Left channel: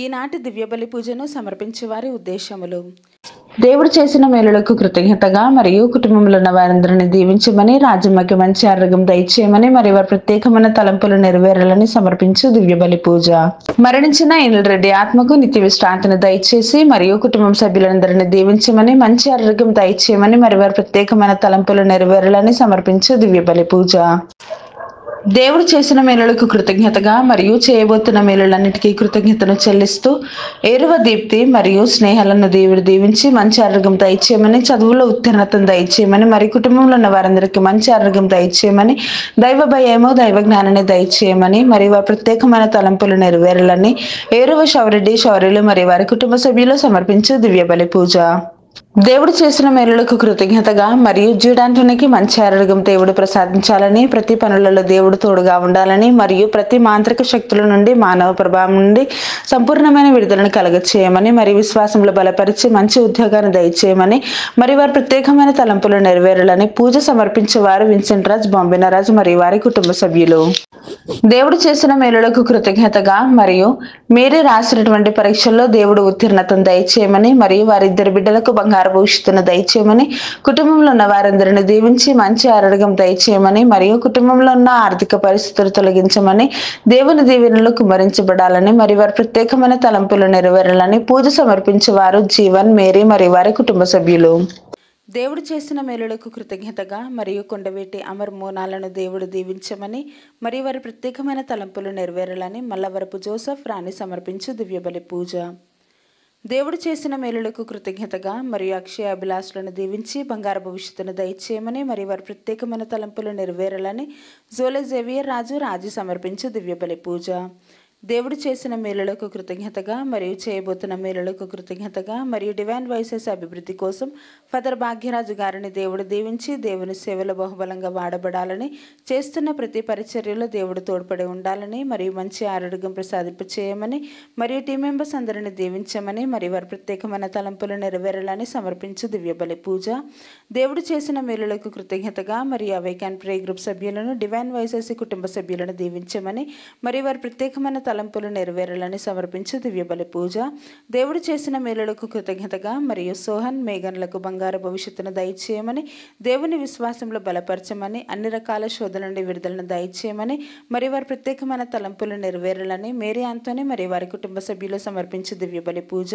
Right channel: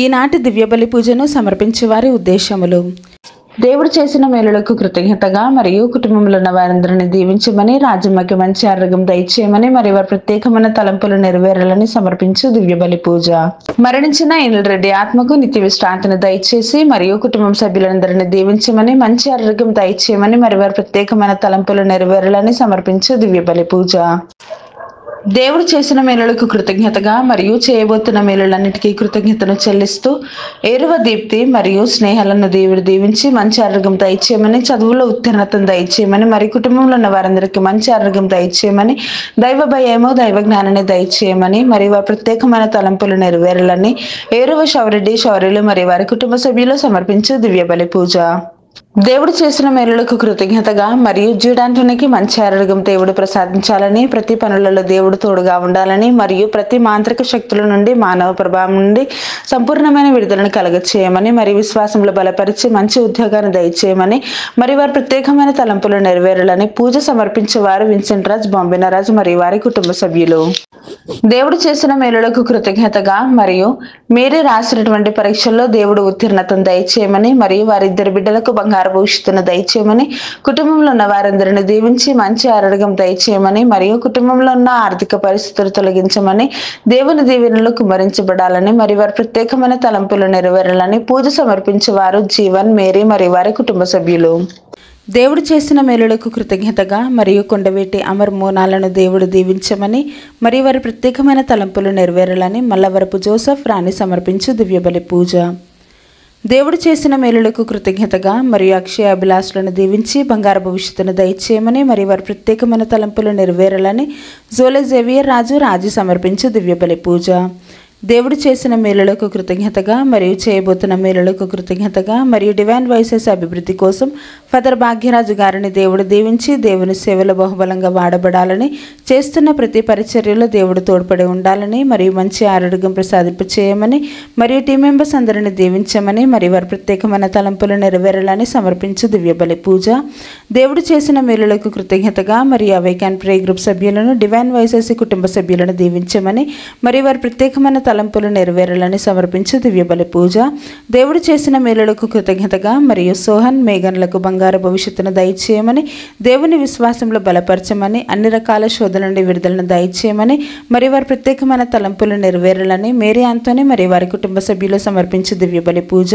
ఈనాటి దివ్యబలి పూజను సమర్పించే వారి ఉద్దేశములు: దేవుడు చేసిన మేలులకు కృతజ్ఞతగా మరియు కుటుంబంలో ఉన్న వారందరిని దీవించమని, రాజ్యమకి మంచి ఆరోగ్యం దయచేయమని, మరి వారి ప్రత్యేకమైన తలంపులు నెరవేరాలని సమర్పించు దివ్యబలి పూజ. మరణించిన ఇనుల్ రెడ్డి ఆత్మకు నిత్య విశ్రాంతిని దయచేసి మరియు కుటుంబం సభ్యులందరినీ దీవించమని, మంచి ఆరోగ్యం దయచేయమని, మరి వారి ప్రత్యేకమైన తలంపులు నెరవేరాలని సమర్పించు దివ్యబలి పూజ. దేవుడు చేసిన మేలులకు కృతజ్ఞతగా మరియు చేయబోతున్న మేలులన్నిటికీ కృతజ్ఞతను చెల్లిస్తూ ఏరువ దీప్తి మరియు స్నేహాలను దేవుడు దీవించి మంచి ఆరోగ్యం దయచేయమని, చదువులో ఉత్తీర్ణతను దయచేయమని, మరి కుటుంబంలో ఉన్న వారందరికీ మంచి ఆరోగ్యం దయచేయమని, దైవ భయము దైవ జ్ఞానాన్ని దయచేయమని, మరి వారి ప్రత్యేకమైన తలంపులు నెరవేరాలని ఏరువ శౌరెడ్డి శౌర్యులు మరియు వారి కుటుంబ సభ్యులు సమర్పించు దివ్యబలి పూజ. దేవుడు చేసిన మేలులకు కృతజ్ఞతగా మరియు జీవితానికి మంచి ఆరోగ్యం దేవుడు ప్రసాదించాలని, ప్రతి పనులలో దేవుడు తోడుగా ఉండాలని, మరియు ప్రతి మాంత్రిక శక్తుల నుండి మానవ ప్రభావం నుండి సంపూర్ణమైన విడుదలను కలగచేయమని, మరి విశ్వాసంలో బలపరిచి మంచి ఉద్యోగాన్ని దయచేయమని, మరి వారి ప్రత్యేకమైన తలంపులు నెరవేరాలని పూజ సమర్పించేవారు విన్సెంట్ రాజ్, బాంబినా రాజ్ మరియు వారి కుటుంబ సభ్యులు. దేవుడు చేసిన మేలులకు కృతజ్ఞతగా మరియు మీరే రాసినటువంటి పరీక్షల్లో దేవుడు ఉత్తీర్ణతను దయచేయమని, మరియు వారిద్దరి బిడ్డలకు బంగారు భవిష్యత్తును దయచేయమని, కుటుంబంలో ఉన్న వారందరిని దీవించి మంచి ఆరోగ్యం దయచేయమని, మరియు కుటుంబంలో ఉన్న ఆర్థిక పరిస్థితులు తొలగించమని, దేవుని దీవెనలు కుమ్మరించబడాలని, మరి వారి ప్రత్యేకమైన తలంపులు నెరవేరాలని పూజ సమర్పించేవారు జీవన్, మేరీ మరియు వారి కుటుంబ సభ్యులు. దేవుడు చేసిన మేలులకు కృతజ్ఞతగా మరియు కొండవీటి అమర్ మోనాలను దేవుడు దీవించమని, మరి వారి ప్రత్యేకమైన తలంపులు నెరవేరాలని మల్లవరపు జోసెఫ్ రాణి సమర్పించు దివ్యబలి పూజ. దేవుడు చేసిన మేలులకు కృతజ్ఞతగా మరియు అక్షయ అభిలాషులను దీవించి బంగారు భవిష్యత్తును దయచేయమని, మరి వారి ప్రత్యేకమైన తలంపులు నెరవేరాలని జోలే జేవియర్ రాజు సమర్పించు దివ్యబలి పూజ. దేవుడు చేసిన మేలులకు కృతజ్ఞతగా మరియు చేయబోతున్న మేలులకు కృతజ్ఞతగా మరియు డివైన్ వాయిసెస్ అభివృద్ధి కోసం ఫాదర్ భాగ్యరాజు గారిని దేవుడు దీవించి దేవుని సేవలో బహుబలంగా వాడబడాలని, చేస్తున్న ప్రతి పరిచర్యలో దేవుడు తోడ్పడి ఉండాలని, మరియు మంచి ఆరోగ్యం ప్రసాదింప చేయమని, మరియు టీం మెంబర్స్ అందరిని దీవించమని, మరియు వారి ప్రత్యేకమైన తలంపులు నెరవేరాలని సమర్పించు దివ్యబలి పూజ. దేవుడు చేసిన మేలులకు కృతజ్ఞతగా మరియు అవేకాన్ ప్రే గ్రూప్ సభ్యులను, డివైన్ వాయిసెస్ కుటుంబ సభ్యులను దీవించమని, మరియు వారి ప్రత్యేకమైన తలంపులు నెరవేరాలని సమర్పించు దివ్యబలి పూజ. దేవుడు చేసిన మేలులకు కృతజ్ఞతగా మరియు సోహన్, మేఘన్లకు బంగారు భవిష్యత్తును దయచేయమని, దేవుని విశ్వాసంలో బలపరచమని, అన్ని రకాల శోధన నుండి విడుదలను దయచేయమని, మరి వారి ప్రత్యేకమైన తలంపులు నెరవేరాలని మేరీ ఆంటోనీ మరియు వారి కుటుంబ సభ్యులు సమర్పించు దివ్యబలి పూజ.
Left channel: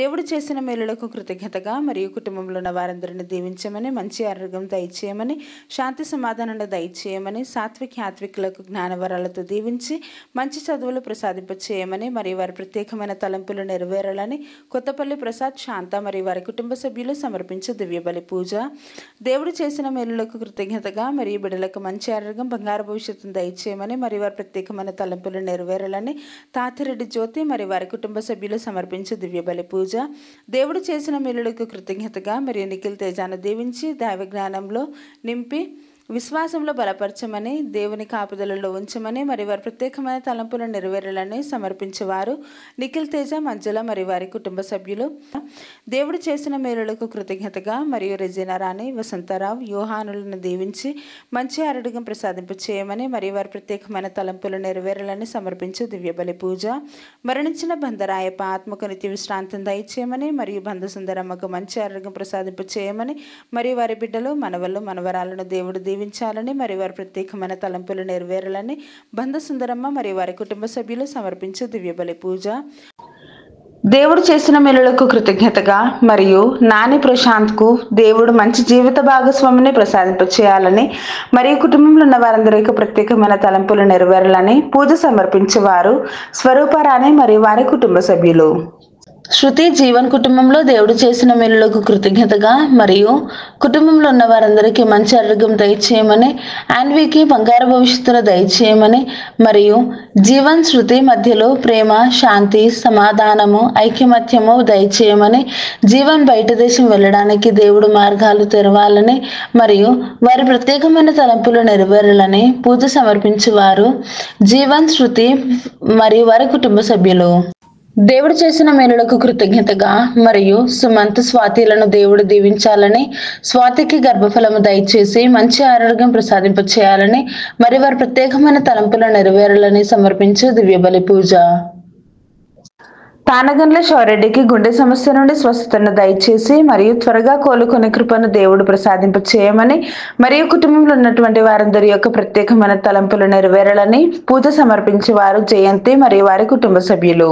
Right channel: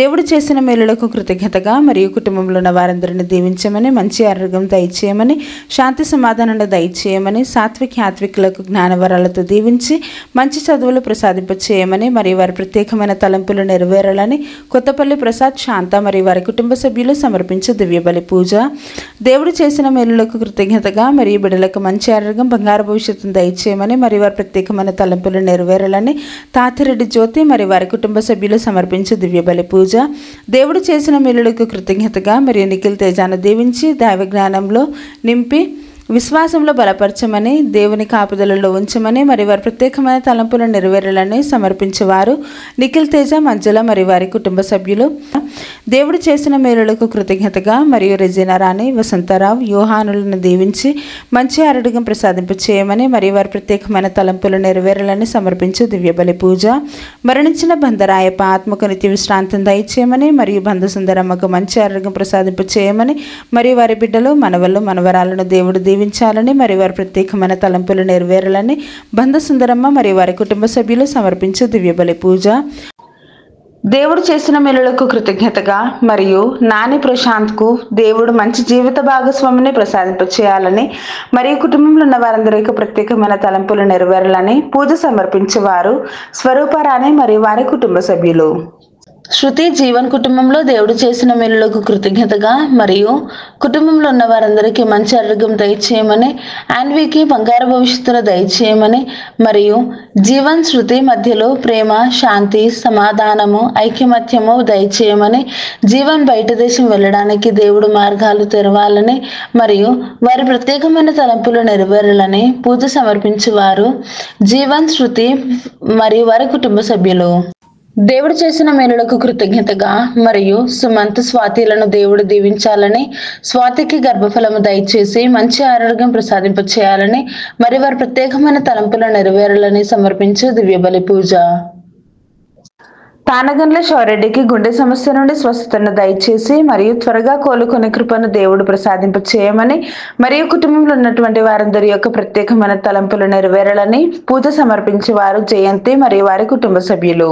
దేవుడు చేసిన మేలులకు కృతజ్ఞతగా మరియు కుటుంబంలో ఉన్న వారందరిని దీవించమని, మంచి ఆరోగ్యం దయచేయమని, శాంతి సమాధానాన్ని దయచేయమని, సాత్విక్ యాత్వికులకు జ్ఞానవరాలతో దీవించి మంచి చదువులు ప్రసాదింప చేయమని, మరియు వారి ప్రత్యేకమైన తలంపులు నెరవేరాలని కొత్తపల్లి ప్రసాద్, శాంత మరియు వారి కుటుంబ సభ్యులు సమర్పించు దివ్యబలి పూజ. దేవుడు చేసిన మేలులకు కృతజ్ఞతగా మరియు బిడ్డలకు మంచి ఆరోగ్యం బంగారు భవిష్యత్తును దయచేయమని, మరియు వారి ప్రత్యేకమైన తలంపులు నెరవేరాలని తాతిరెడ్డి జ్యోతి మరియు వారి కుటుంబ సభ్యులు సమర్పించు దివ్యబలి పూజ. దేవుడు చేసిన మేలులకు కృతజ్ఞతగా మరియు నిఖిల్ తేజాను దీవించి దైవ జ్ఞానంలో నింపి విశ్వాసంలో బలపరచమని, దేవుని కాపుదలలో ఉంచమని, మరి వారి ప్రత్యేకమైన తలంపులను నెరవేరాలని సమర్పించేవారు నిఖిల్ తేజ, మంజుల మరియు వారి కుటుంబ సభ్యులు. దేవుడు చేసిన మేలులకు కృతజ్ఞతగా మరియు రెజీనా రాణి, వసంతరావు, యోహానులను దీవించి మంచి ఆరోగ్యం ప్రసాదింప చేయమని, మరియు వారి ప్రత్యేకమైన తలంపులు నెరవేరాలని సమర్పించు దివ్యబలి పూజ. మరణించిన బంధరాయప్ప ఆత్మకు నిత్య విశ్రాంతిని దయచేయమని, మరియు బంధు సుందరమ్మకు మంచి ఆరోగ్యం ప్రసాదింప చేయమని, మరియు వారి బిడ్డలు మనవళ్ళు మనవరాలను దేవుడు దీవించాలని, మరి వారి ప్రత్యేకమైన తలంపులు నెరవేరాలని బంధు సుందరమ్మ మరియు వారి కుటుంబ సభ్యులు సమర్పించు దివ్యబలి పూజ. దేవుడు చేసిన మేలులకు కృతజ్ఞతగా మరియు నాని ప్రశాంత్కు దేవుడు మంచి జీవిత భాగస్వామిని ప్రసాదింప చేయాలని, మరియు కుటుంబంలో ఉన్న వారందరికీ ప్రత్యేకమైన తలంపులు నెరవేరాలని పూజ సమర్పించేవారు స్వరూపరాణి మరియు వారి కుటుంబ సభ్యులు. శృతి జీవన్ కుటుంబంలో దేవుడు చేసిన మేలులకు కృతజ్ఞతగా మరియు కుటుంబంలో ఉన్న వారందరికీ మంచి ఆరోగ్యం దయచేయమని, ఆన్వీకి బంగారు భవిష్యత్తును దయచేయమని, మరియు జీవన్ శృతి మధ్యలో ప్రేమ, శాంతి, సమాధానము, ఐకమత్యము దయచేయమని, జీవన్ బయట దేశం వెళ్ళడానికి దేవుడు మార్గాలు తెరవాలని, మరియు వారి ప్రత్యేకమైన తలంపులు నెరవేరాలని పూజ సమర్పించేవారు జీవన్ శృతి మరియు వారి కుటుంబ సభ్యులు. దేవుడు చేసిన మేలులకు కృతజ్ఞతగా మరియు సుమంత్, స్వాతిలను దేవుడు దీవించాలని, స్వాతికి గర్భఫలము దయచేసి మంచి ఆరోగ్యం ప్రసాదింప చేయాలని, మరి వారి ప్రత్యేకమైన తలంపులు నెరవేరాలని సమర్పించు దివ్యబలి పూజ. తానగండ్ల శౌరెడ్డికి గుండె సమస్య నుండి స్వస్థతను దయచేసి మరియు త్వరగా కోలుకునే కృపను దేవుడు ప్రసాదింప చేయమని మరియు కుటుంబంలో ఉన్నటువంటి వారందరి యొక్క ప్రత్యేకమైన తలంపులు నెరవేరాలని పూజ సమర్పించే వారు జయంతి మరియు వారి కుటుంబ సభ్యులు.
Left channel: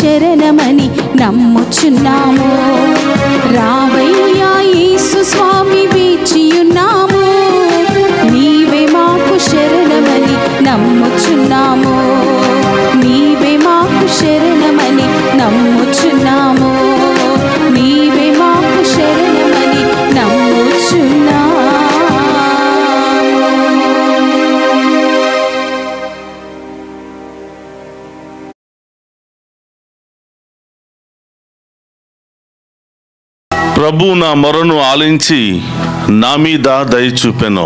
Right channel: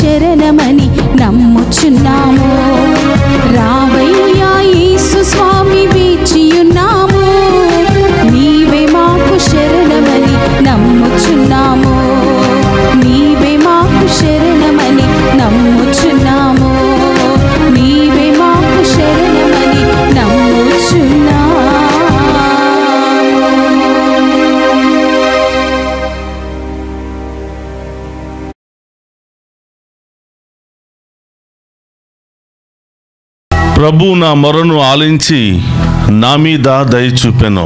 శరణమని నమ్ముచున్నాము. రావయ్యా యేసు స్వామి వేచియున్నాము, నీవే మాకు శరణమని నమ్ముచున్నాము. నీవే మాకు శరణమని నమ్ముచున్నాము. నీవే మాకు శరణమని నమ్ముచున్నాము. ప్రభు నా మొరను ఆలించి నా మీద దయ చూపెను.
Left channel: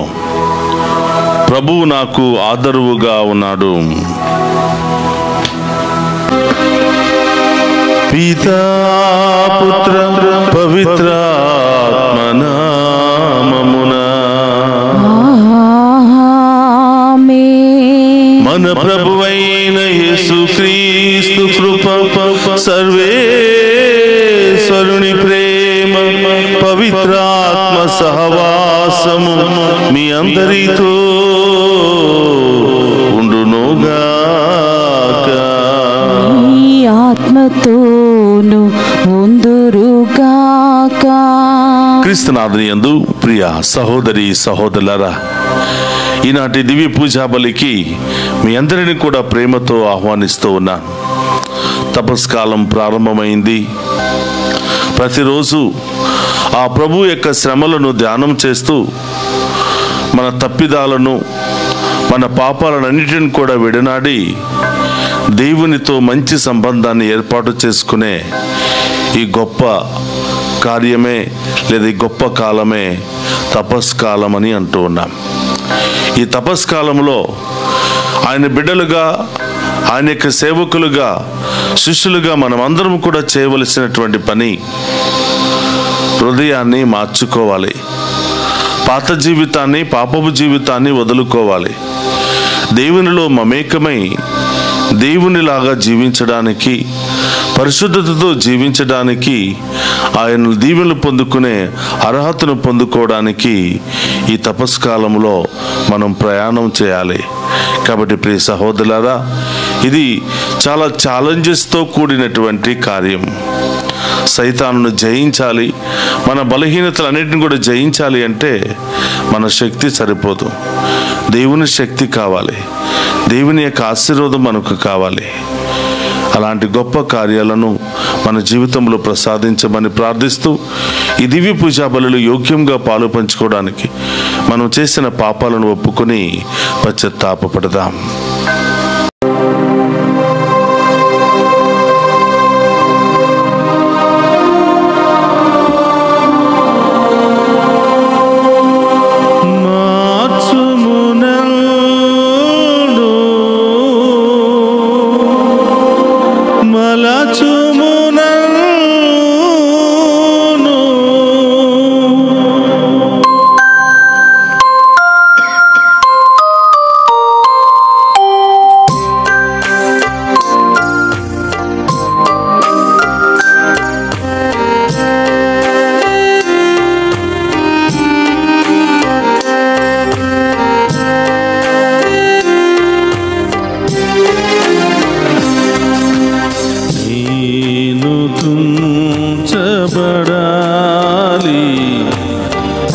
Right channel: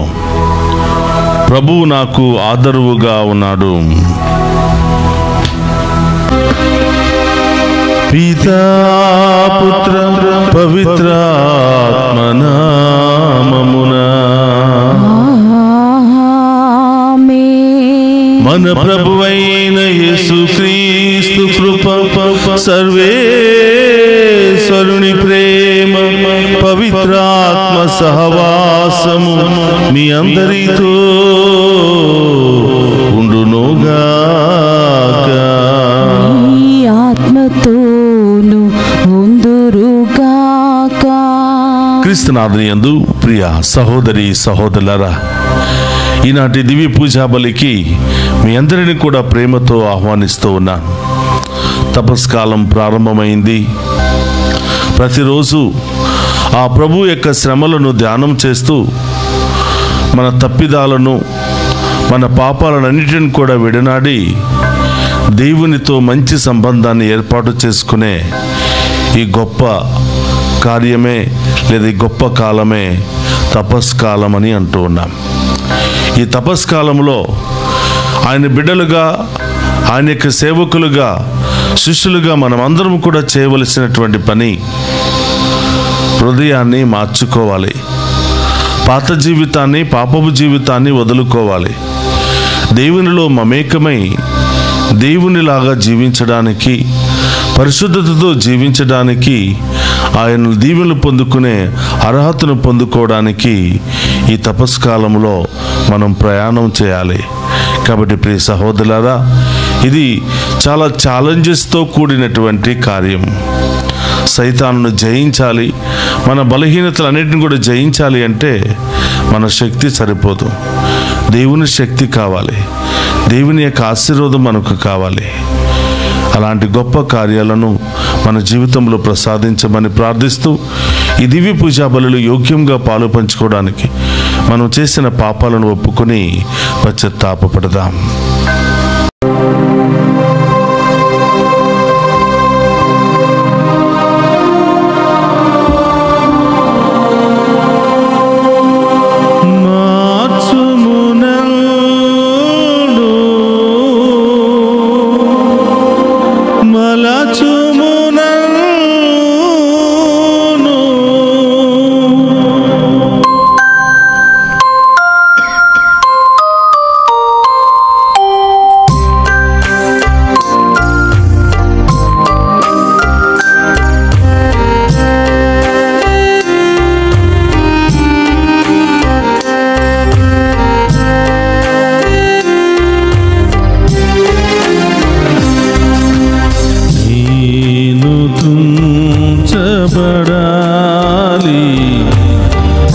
ప్రభు నాకు ఆదరువుగా ఉన్నాడు. పితా పుత్ర పవిత్రాత్మ నామమున మన ప్రభువైన యేసుక్రీస్తు కృప, సర్వేశ్వరుని ప్రేమ, పవిత్రాత్మ సహవాసము మీ అందరితో ఉండునుగాక. ఆత్మతో క్రీస్తునాథుని యందు ప్రియ సహోదరి సహోదరులారా, ఈనాటి దివ్య పూజా బలికి మీ అందరినీ కూడా ప్రేమతో ఆహ్వానిస్తూ ఉన్నాను. తపస్కాలం ప్రారంభమైంది. ప్రతిరోజు ఆ ప్రభు యొక్క శ్రమలను ధ్యానం చేస్తూ మన తప్పిదాలను, మన పాపాలన్నిటిని కూడా విడనాడి దేవునితో మంచి సంబంధాన్ని ఏర్పాటు చేసుకునే ఈ గొప్ప కార్యమే లేదా ఈ గొప్ప కాలమే తపస్కాలం అని అంటూ ఉన్నాం. ఈ తపస్కాలంలో ఆయన బిడ్డలుగా, ఆయన యొక్క సేవకులుగా, శిష్యులుగా మనం అందరం కూడా చేయవలసినటువంటి పని హృదయాన్ని మార్చుకోవాలి. పాత జీవితాన్ని, పాపపు జీవితాన్ని వదులుకోవాలి. దేవునిలో మమేకమై దేవునిలాగా జీవించడానికి, పరిశుద్ధతతో జీవించడానికి, ఆయన దీవెనలు పొందుకునే అర్హతను పొందుకోవడానికి ఈ తపస్కాలంలో మనం ప్రయాణం చేయాలి. కాబట్టి ప్రియ సహోదరులారా, ఇది చాలా ఛాలెంజెస్తో కూడినటువంటి కార్యం. సైతానును జయించాలి, మన బలహీనతలన్నిటిని కూడా జయించాలి అంటే మన శక్తి సరిపోదు. దేవుని శక్తి కావాలి, దేవుని యొక్క ఆశీర్వాదం మనకు కావాలి. అలాంటి గొప్ప కార్యాలను మన జీవితంలో ప్రసాదించమని ప్రార్థిస్తూ ఈ దివ్య పూజా బలులు యోగ్యంగా పాలు పంచుకోవడానికి మనం చేసిన పాపాలను ఒప్పుకొని పశ్చాత్తాపపడదాం.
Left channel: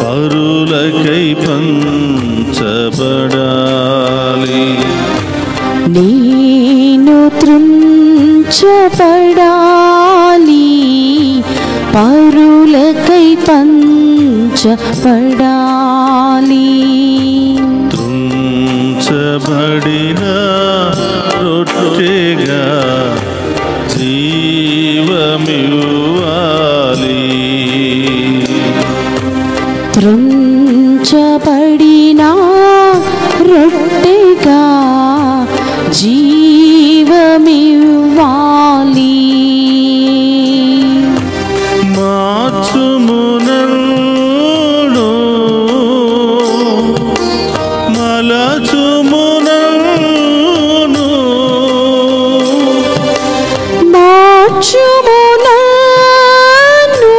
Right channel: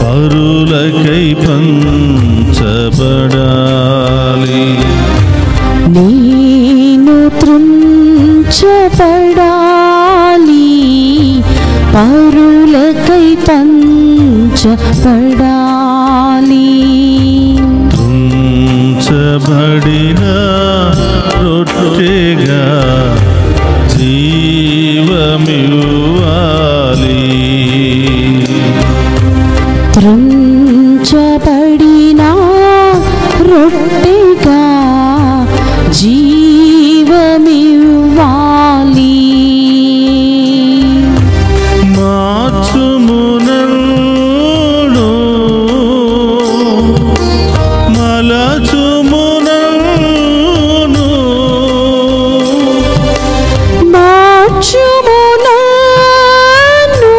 పరులకై పంచబడాలి, నేను త్రుంచబడాలి, పరులకై పంచబడాలి. త్రుంచబడిన రొట్టెగా జీవమివ్వాలి, త్రుంచబడిన రొట్టెగా జీవమివ్వాలి. మార్చుము నన్ను, మలచుము నన్ను, మార్చుము నన్ను,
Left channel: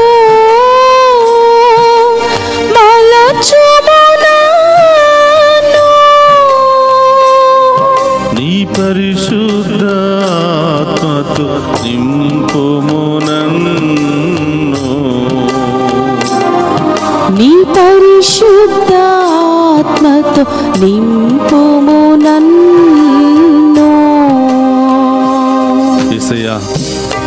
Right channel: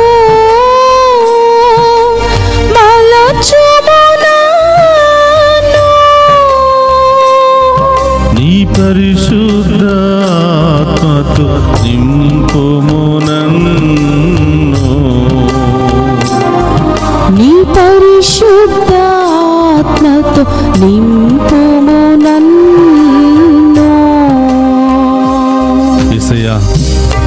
మలచుము నన్ను. నీ పరిశుద్ధాత్మతో నింపుము నన్ను, నీ పరిశుద్ధాత్మతో నింపుము నన్ను. యేసయ్యా,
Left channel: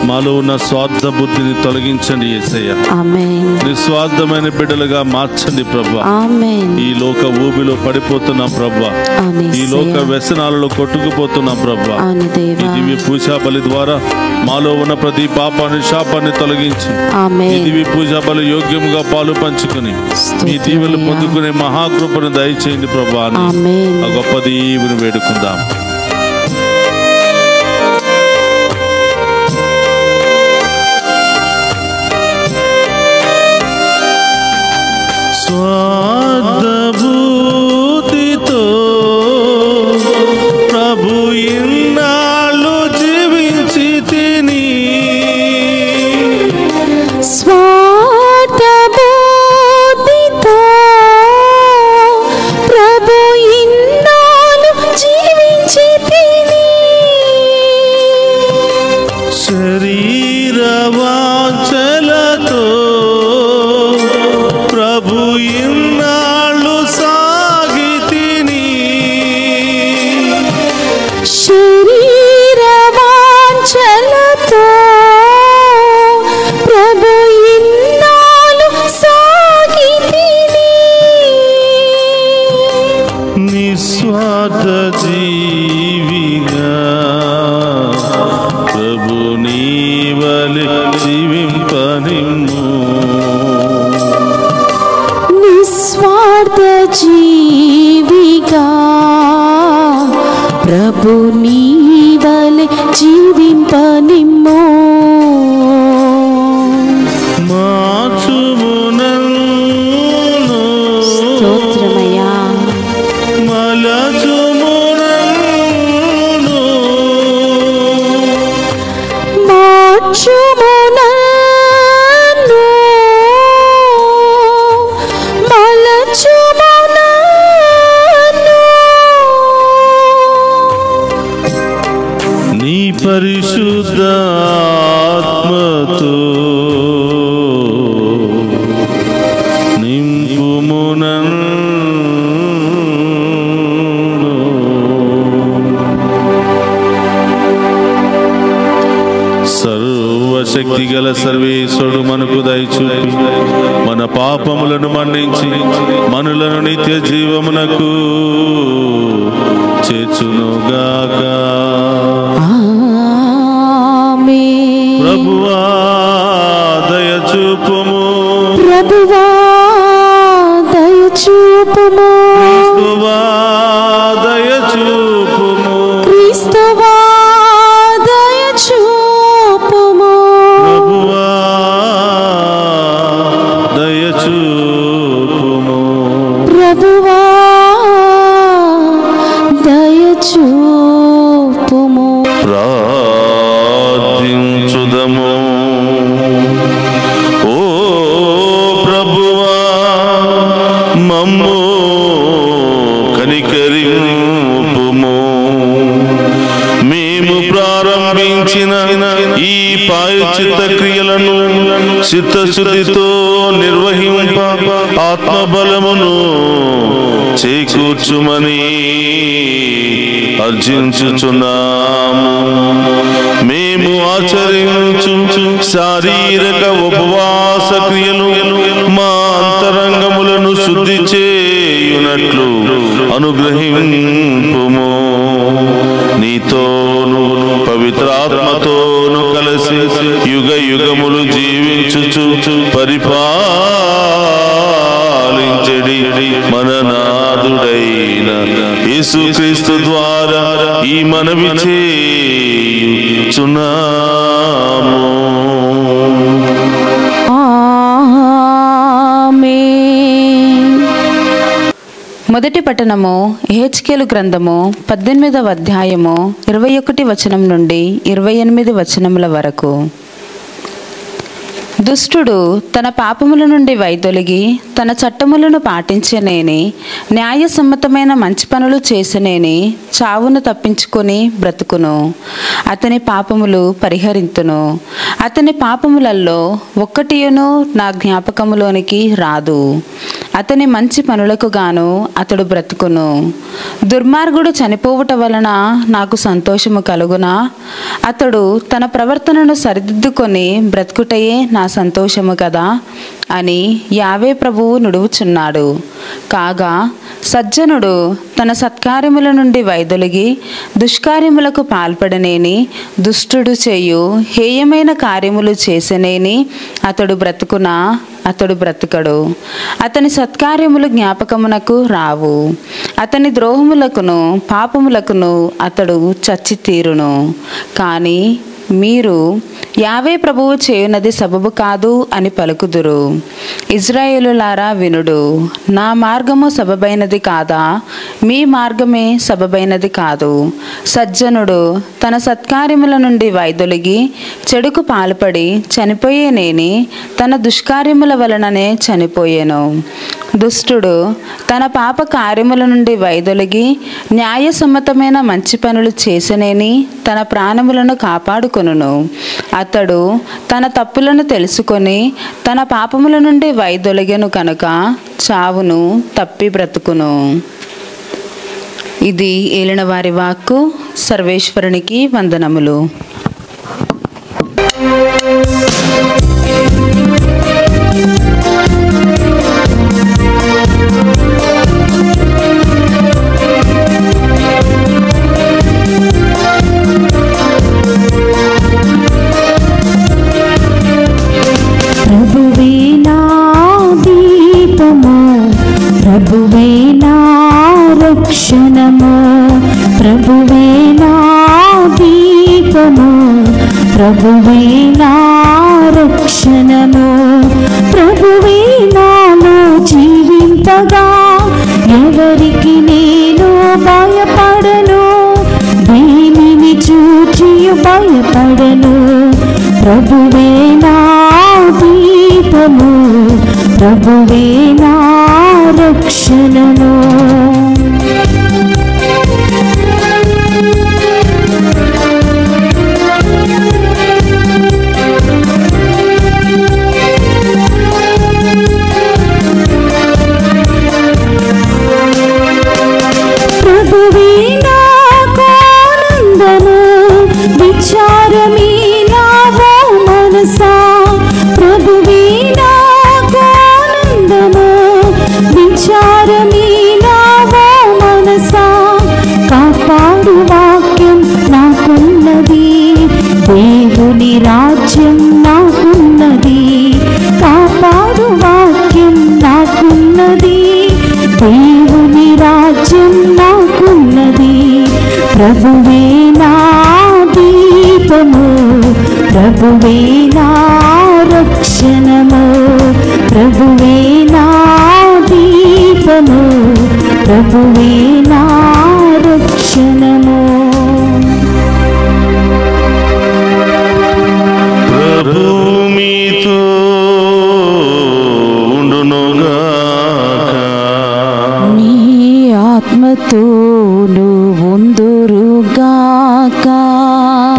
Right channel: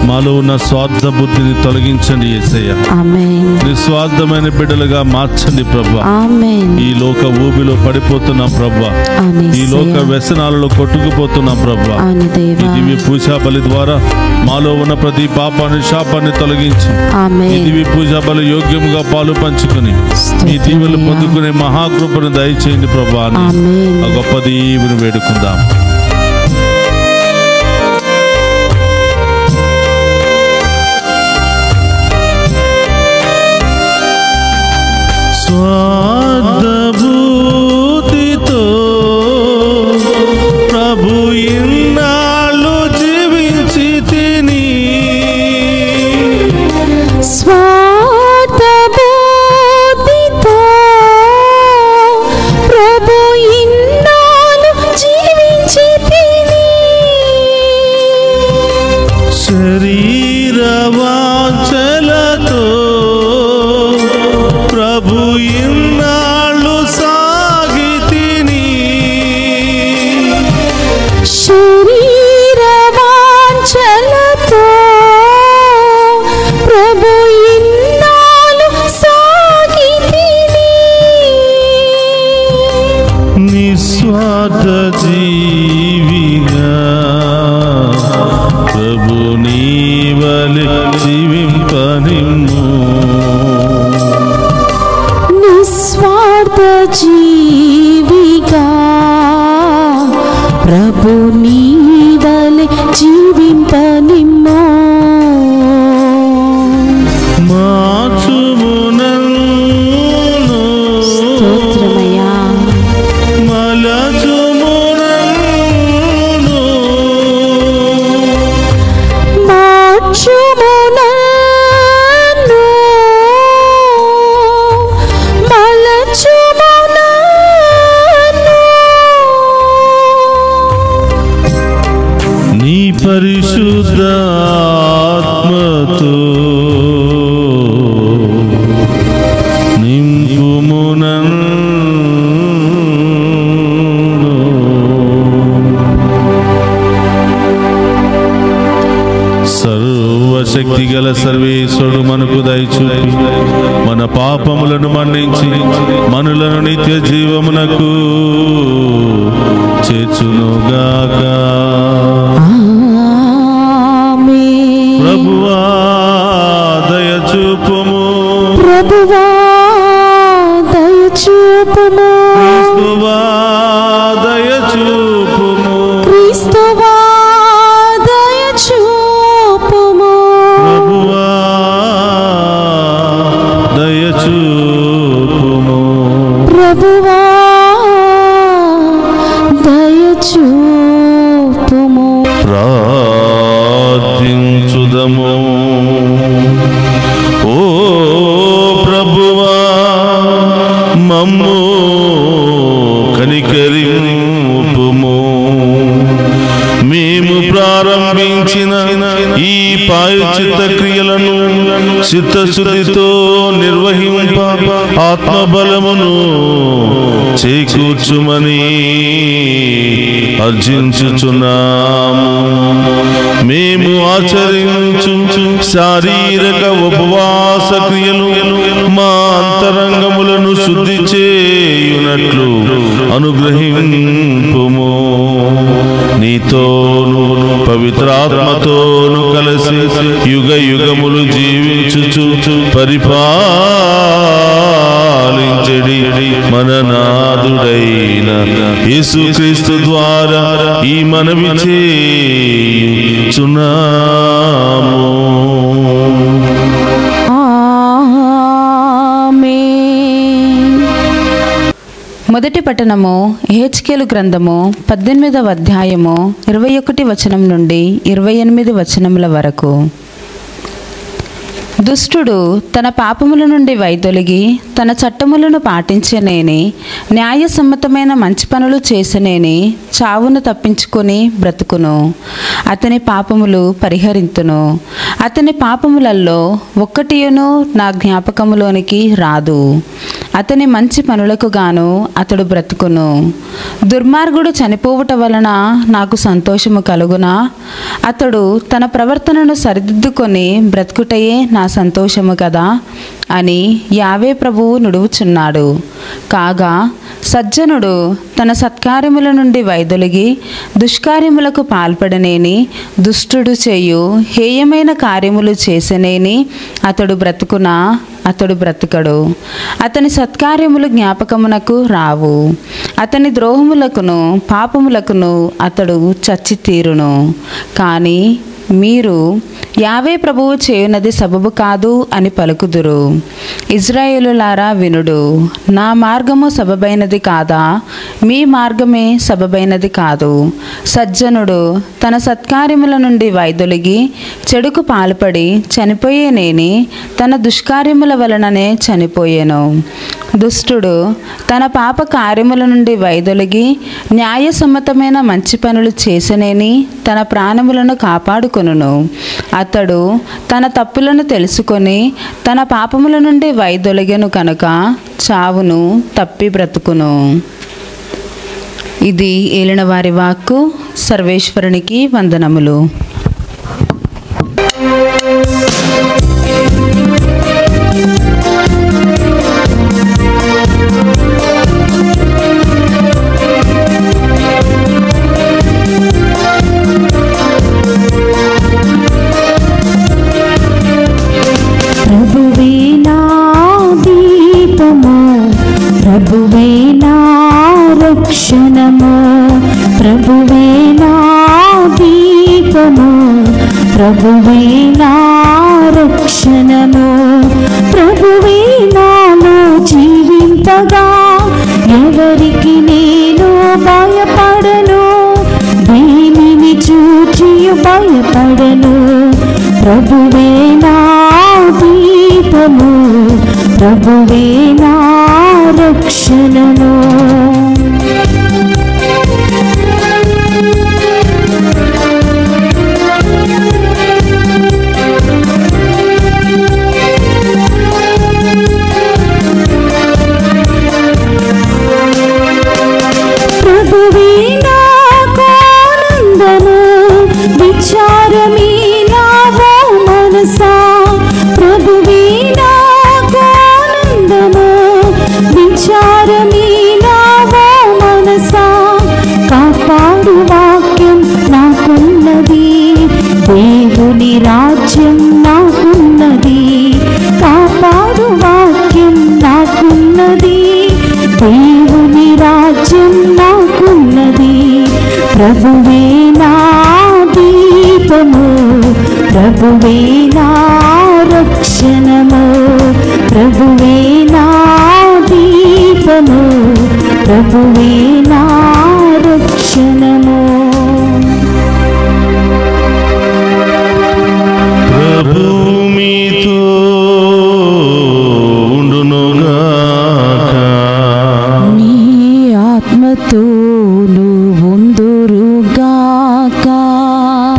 మాలో ఉన్న స్వార్థ బుద్ధిని తొలగించండి యేసయ్యా. ఆమేన్. నిస్వార్థమైన బిడ్డలుగా మార్చండి ప్రభువా. ఆమేన్. ఈ లోక ఊబిలో పడిపోతున్నాం ప్రభువా, ఆమేన్. ఈ లోక వ్యసనాలలో కొట్టుకుపోతున్నాం ప్రభువా. ఆమేన్ ఈ దేవా. దివ్య పూజా బలి ద్వారా మాలో ఉన్న ప్రతి పాపాన్ని, శాపాన్ని తొలగించి ఈ ఆమేన్. దివ్య పూజా బలి యోగ్యంగా పాలు పంచుకుని ఈ దీవెనలు పొందుకునే మహాకృపను దయచేయండి ప్రభువా అని ఆమేన్. ఆ గొప్ప దీవెను వేడుకుందాం. స్వార్థబుద్ధితో ప్రభు ఇన్నాళ్ళు జీవించి తిని, స్వార్థబుద్ధితో ప్రభు ఇన్నాళ్ళు జీవించి తిని, శరీర వాంఛలతో కృపనిమ్మో మార్చుము నన్ను స్తోత్రమయ్యా మలచుము నన్ను మార్చుము నన్ను మలచుము నన్ను నీ పరిశుద్ధ ఆత్మతో నింపుము నన్ను సర్వశక్తి గల సర్వేశ్వరుడు మనకు దయచూపి మన పాపములను మన్నించి మనులను నిత్య జీవమునకు చేర్చునుగాక. ఆమేన్. ప్రభువా దయచూపుము, ప్రభువా దయచూపుము, క్రీస్తువా దయచూపుము, క్రీస్తువా దయచూపుము, ప్రభువా దయచూపుము. ప్రభువా దయచూపుము. ప్రార్థించుదము. ఓ ప్రభువా మమ్ము కనికరింపుము. మేము ప్రారంభించిన ఈ ప్రాయశ్చిత్త క్రియలను చిత్తశుద్ధితో నిర్వహింప ఆత్మబలమును చేకూర్చుమని అర్జించుచున్నాము. మేము ఆచరించు శారీరక ఉపవాస క్రియలు మా అంతరంగములను శుద్ధి చేయునట్లు అనుగ్రహింపుము. నీతోను పవిత్రాత్మతోను కలిసి యుగ యుగములు జీవించుచు పరిపాలించడి మన నాథుడైన యేసుక్రీస్తు ద్వారా ఈ మనవి చేయుచున్నాము. ఆమేన్. మొదటి పట్టణము ఎహెచ్కేలు గ్రంథము 18వ అధ్యాయము 21 వచనం నుండి 28 వచనముల వరకు. దుష్టుడు తన పాపముల నుండి వైదొలిగి తన చట్టములను పాటించనేని న్యాయసమ్మతమైన మంచి పనులు చేసనేని చావును తప్పించుకొని బ్రతుకును. అతని పాపములు పరిహరింతును. అతని పాపములలో ఒక్కటియును నా జ్ఞాపకములోనికి రాదు. అతని మంచి పనులకు గాను అతడు బ్రతుకును. దుర్మార్గుడు చనిపోవుట వలన నాకు సంతోషము కలుగునా? అతడు తన ప్రవర్తనను సరిదిద్దుకొని బ్రతుకుటయే నా సంతోషము కదా అని యావే ప్రభువు నుడువుచున్నాడు. కాగా సజ్జనుడు తన సత్కార్యముల నుండి వైదొలిగి దుష్కార్యములకు పాల్పడనేని దుష్టుడు చేయు హేయమైన కార్యములు చేసనేని అతడు బ్రతుకునా? అతడు బ్రతుకడు. అతని సత్కార్యములు జ్ఞాపకమునకు రావు. అతని ద్రోహములకును పాపములకును అతడు చచ్చి తీరును. కానీ మీరు యావే ప్రభువు చేయునది సబబు కాదు అని పలుకుదురు. ఇజ్రాయేలులారా వినుడు. నా మార్గము సబబైనది కాదా? మీ మార్గమే సబబైనది కాదు. సజ్జనుడు తన సత్కార్యముల నుండి వైదొలిగి చెడుకు పాల్పడి చనిపోయేనేని తన దుష్కార్యముల వలననే చనిపోయేను. దుష్టుడు తన పాప కార్యముల నుండి వైదొలిగి న్యాయసమ్మతమైన మంచి పనులు చేసనేని తన ప్రాణములను కాపాడుకొనును. అతడు తన తప్పులను తెలుసుకొని తన పాపముల నుండి వైదొలిగెను కనుక చావును తప్పి బ్రతుకును. ఇది ఏలినవారి వాక్కు. సర్వేశ్వరునికి వందనములు. ప్రభువే నా దీపము, ప్రభువే నా రక్షణము, ప్రభువే నా దీపము, ప్రభువే నా రక్షణము, ప్రభువే నాలో జీవింపగా ఎవరికి నేను భయపడను, దేనిని చూచి భయపడను. ప్రభువే నా దీపము, ప్రభువే నా రక్షణము. ప్రభువే నాకు ఆనందము, విచారమే నావో మనసా. ప్రభువే నాకు ఆనందము, విచారమే నావో మనసా. కాపాడు వాక్యం నాకున్నది, దేవుని రాజ్యం నాకున్నది. కాపాడు వాక్యం నాకున్నది, దేవుని రాజ్యం నాకున్నది. ప్రభువే నా దీపము, ప్రభువే నా రక్షణము, ప్రభువే నా దీపము, ప్రభువే నా రక్షణము. ప్రభువు మీతో ఉండునుగాక. నీ ఆత్మతోను ఉందురుగాక.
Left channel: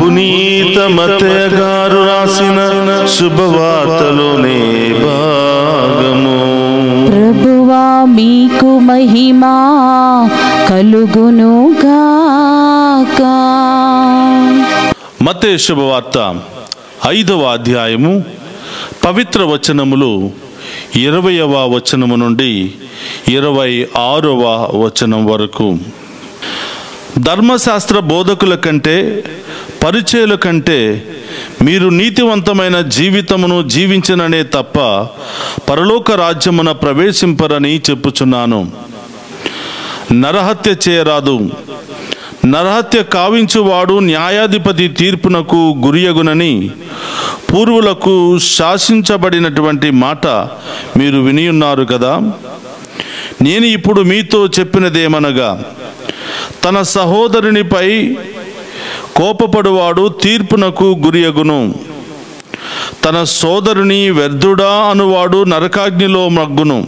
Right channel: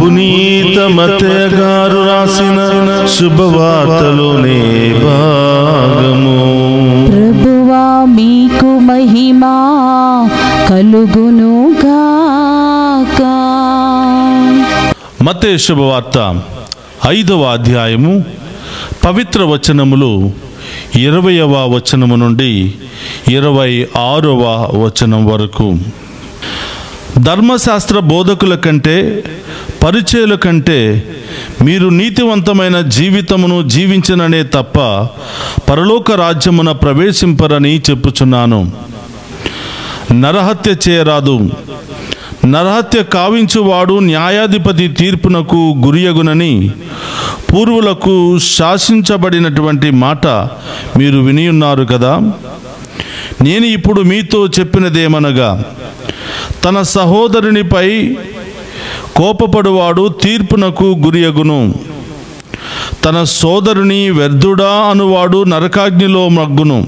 పునీత మత్తయి గారు రాసిన శుభవార్తలోనే భాగము. ప్రభువా మీకు మహిమా కలుగునుగాక. మత్తయి శుభవార్త 5వ అధ్యాయము పవిత్ర వచనములు 20వ వచనము నుండి 26వ వచనం వరకు. ధర్మశాస్త్ర బోధకుల కంటే పరిచయుల కంటే మీరు నీతివంతమైన జీవితమును జీవించననే తప్ప పరలోక రాజ్యమున ప్రవేశింపరని చెప్పుచున్నాను. నరహత్య చేయరాదు, నరహత్య కావించువాడు న్యాయాధిపతి తీర్పునకు గురియగునని పూర్వులకు శాసించబడినటువంటి మాట మీరు వినియున్నారు కదా. నేను ఇప్పుడు మీతో చెప్పినదేమనగా, తన సహోదరునిపై కోపపడువాడు తీర్పునకు గురియగును, తన సోదరుని వ్యర్థుడా అనువాడు నరకాగ్నిలో మగ్గును.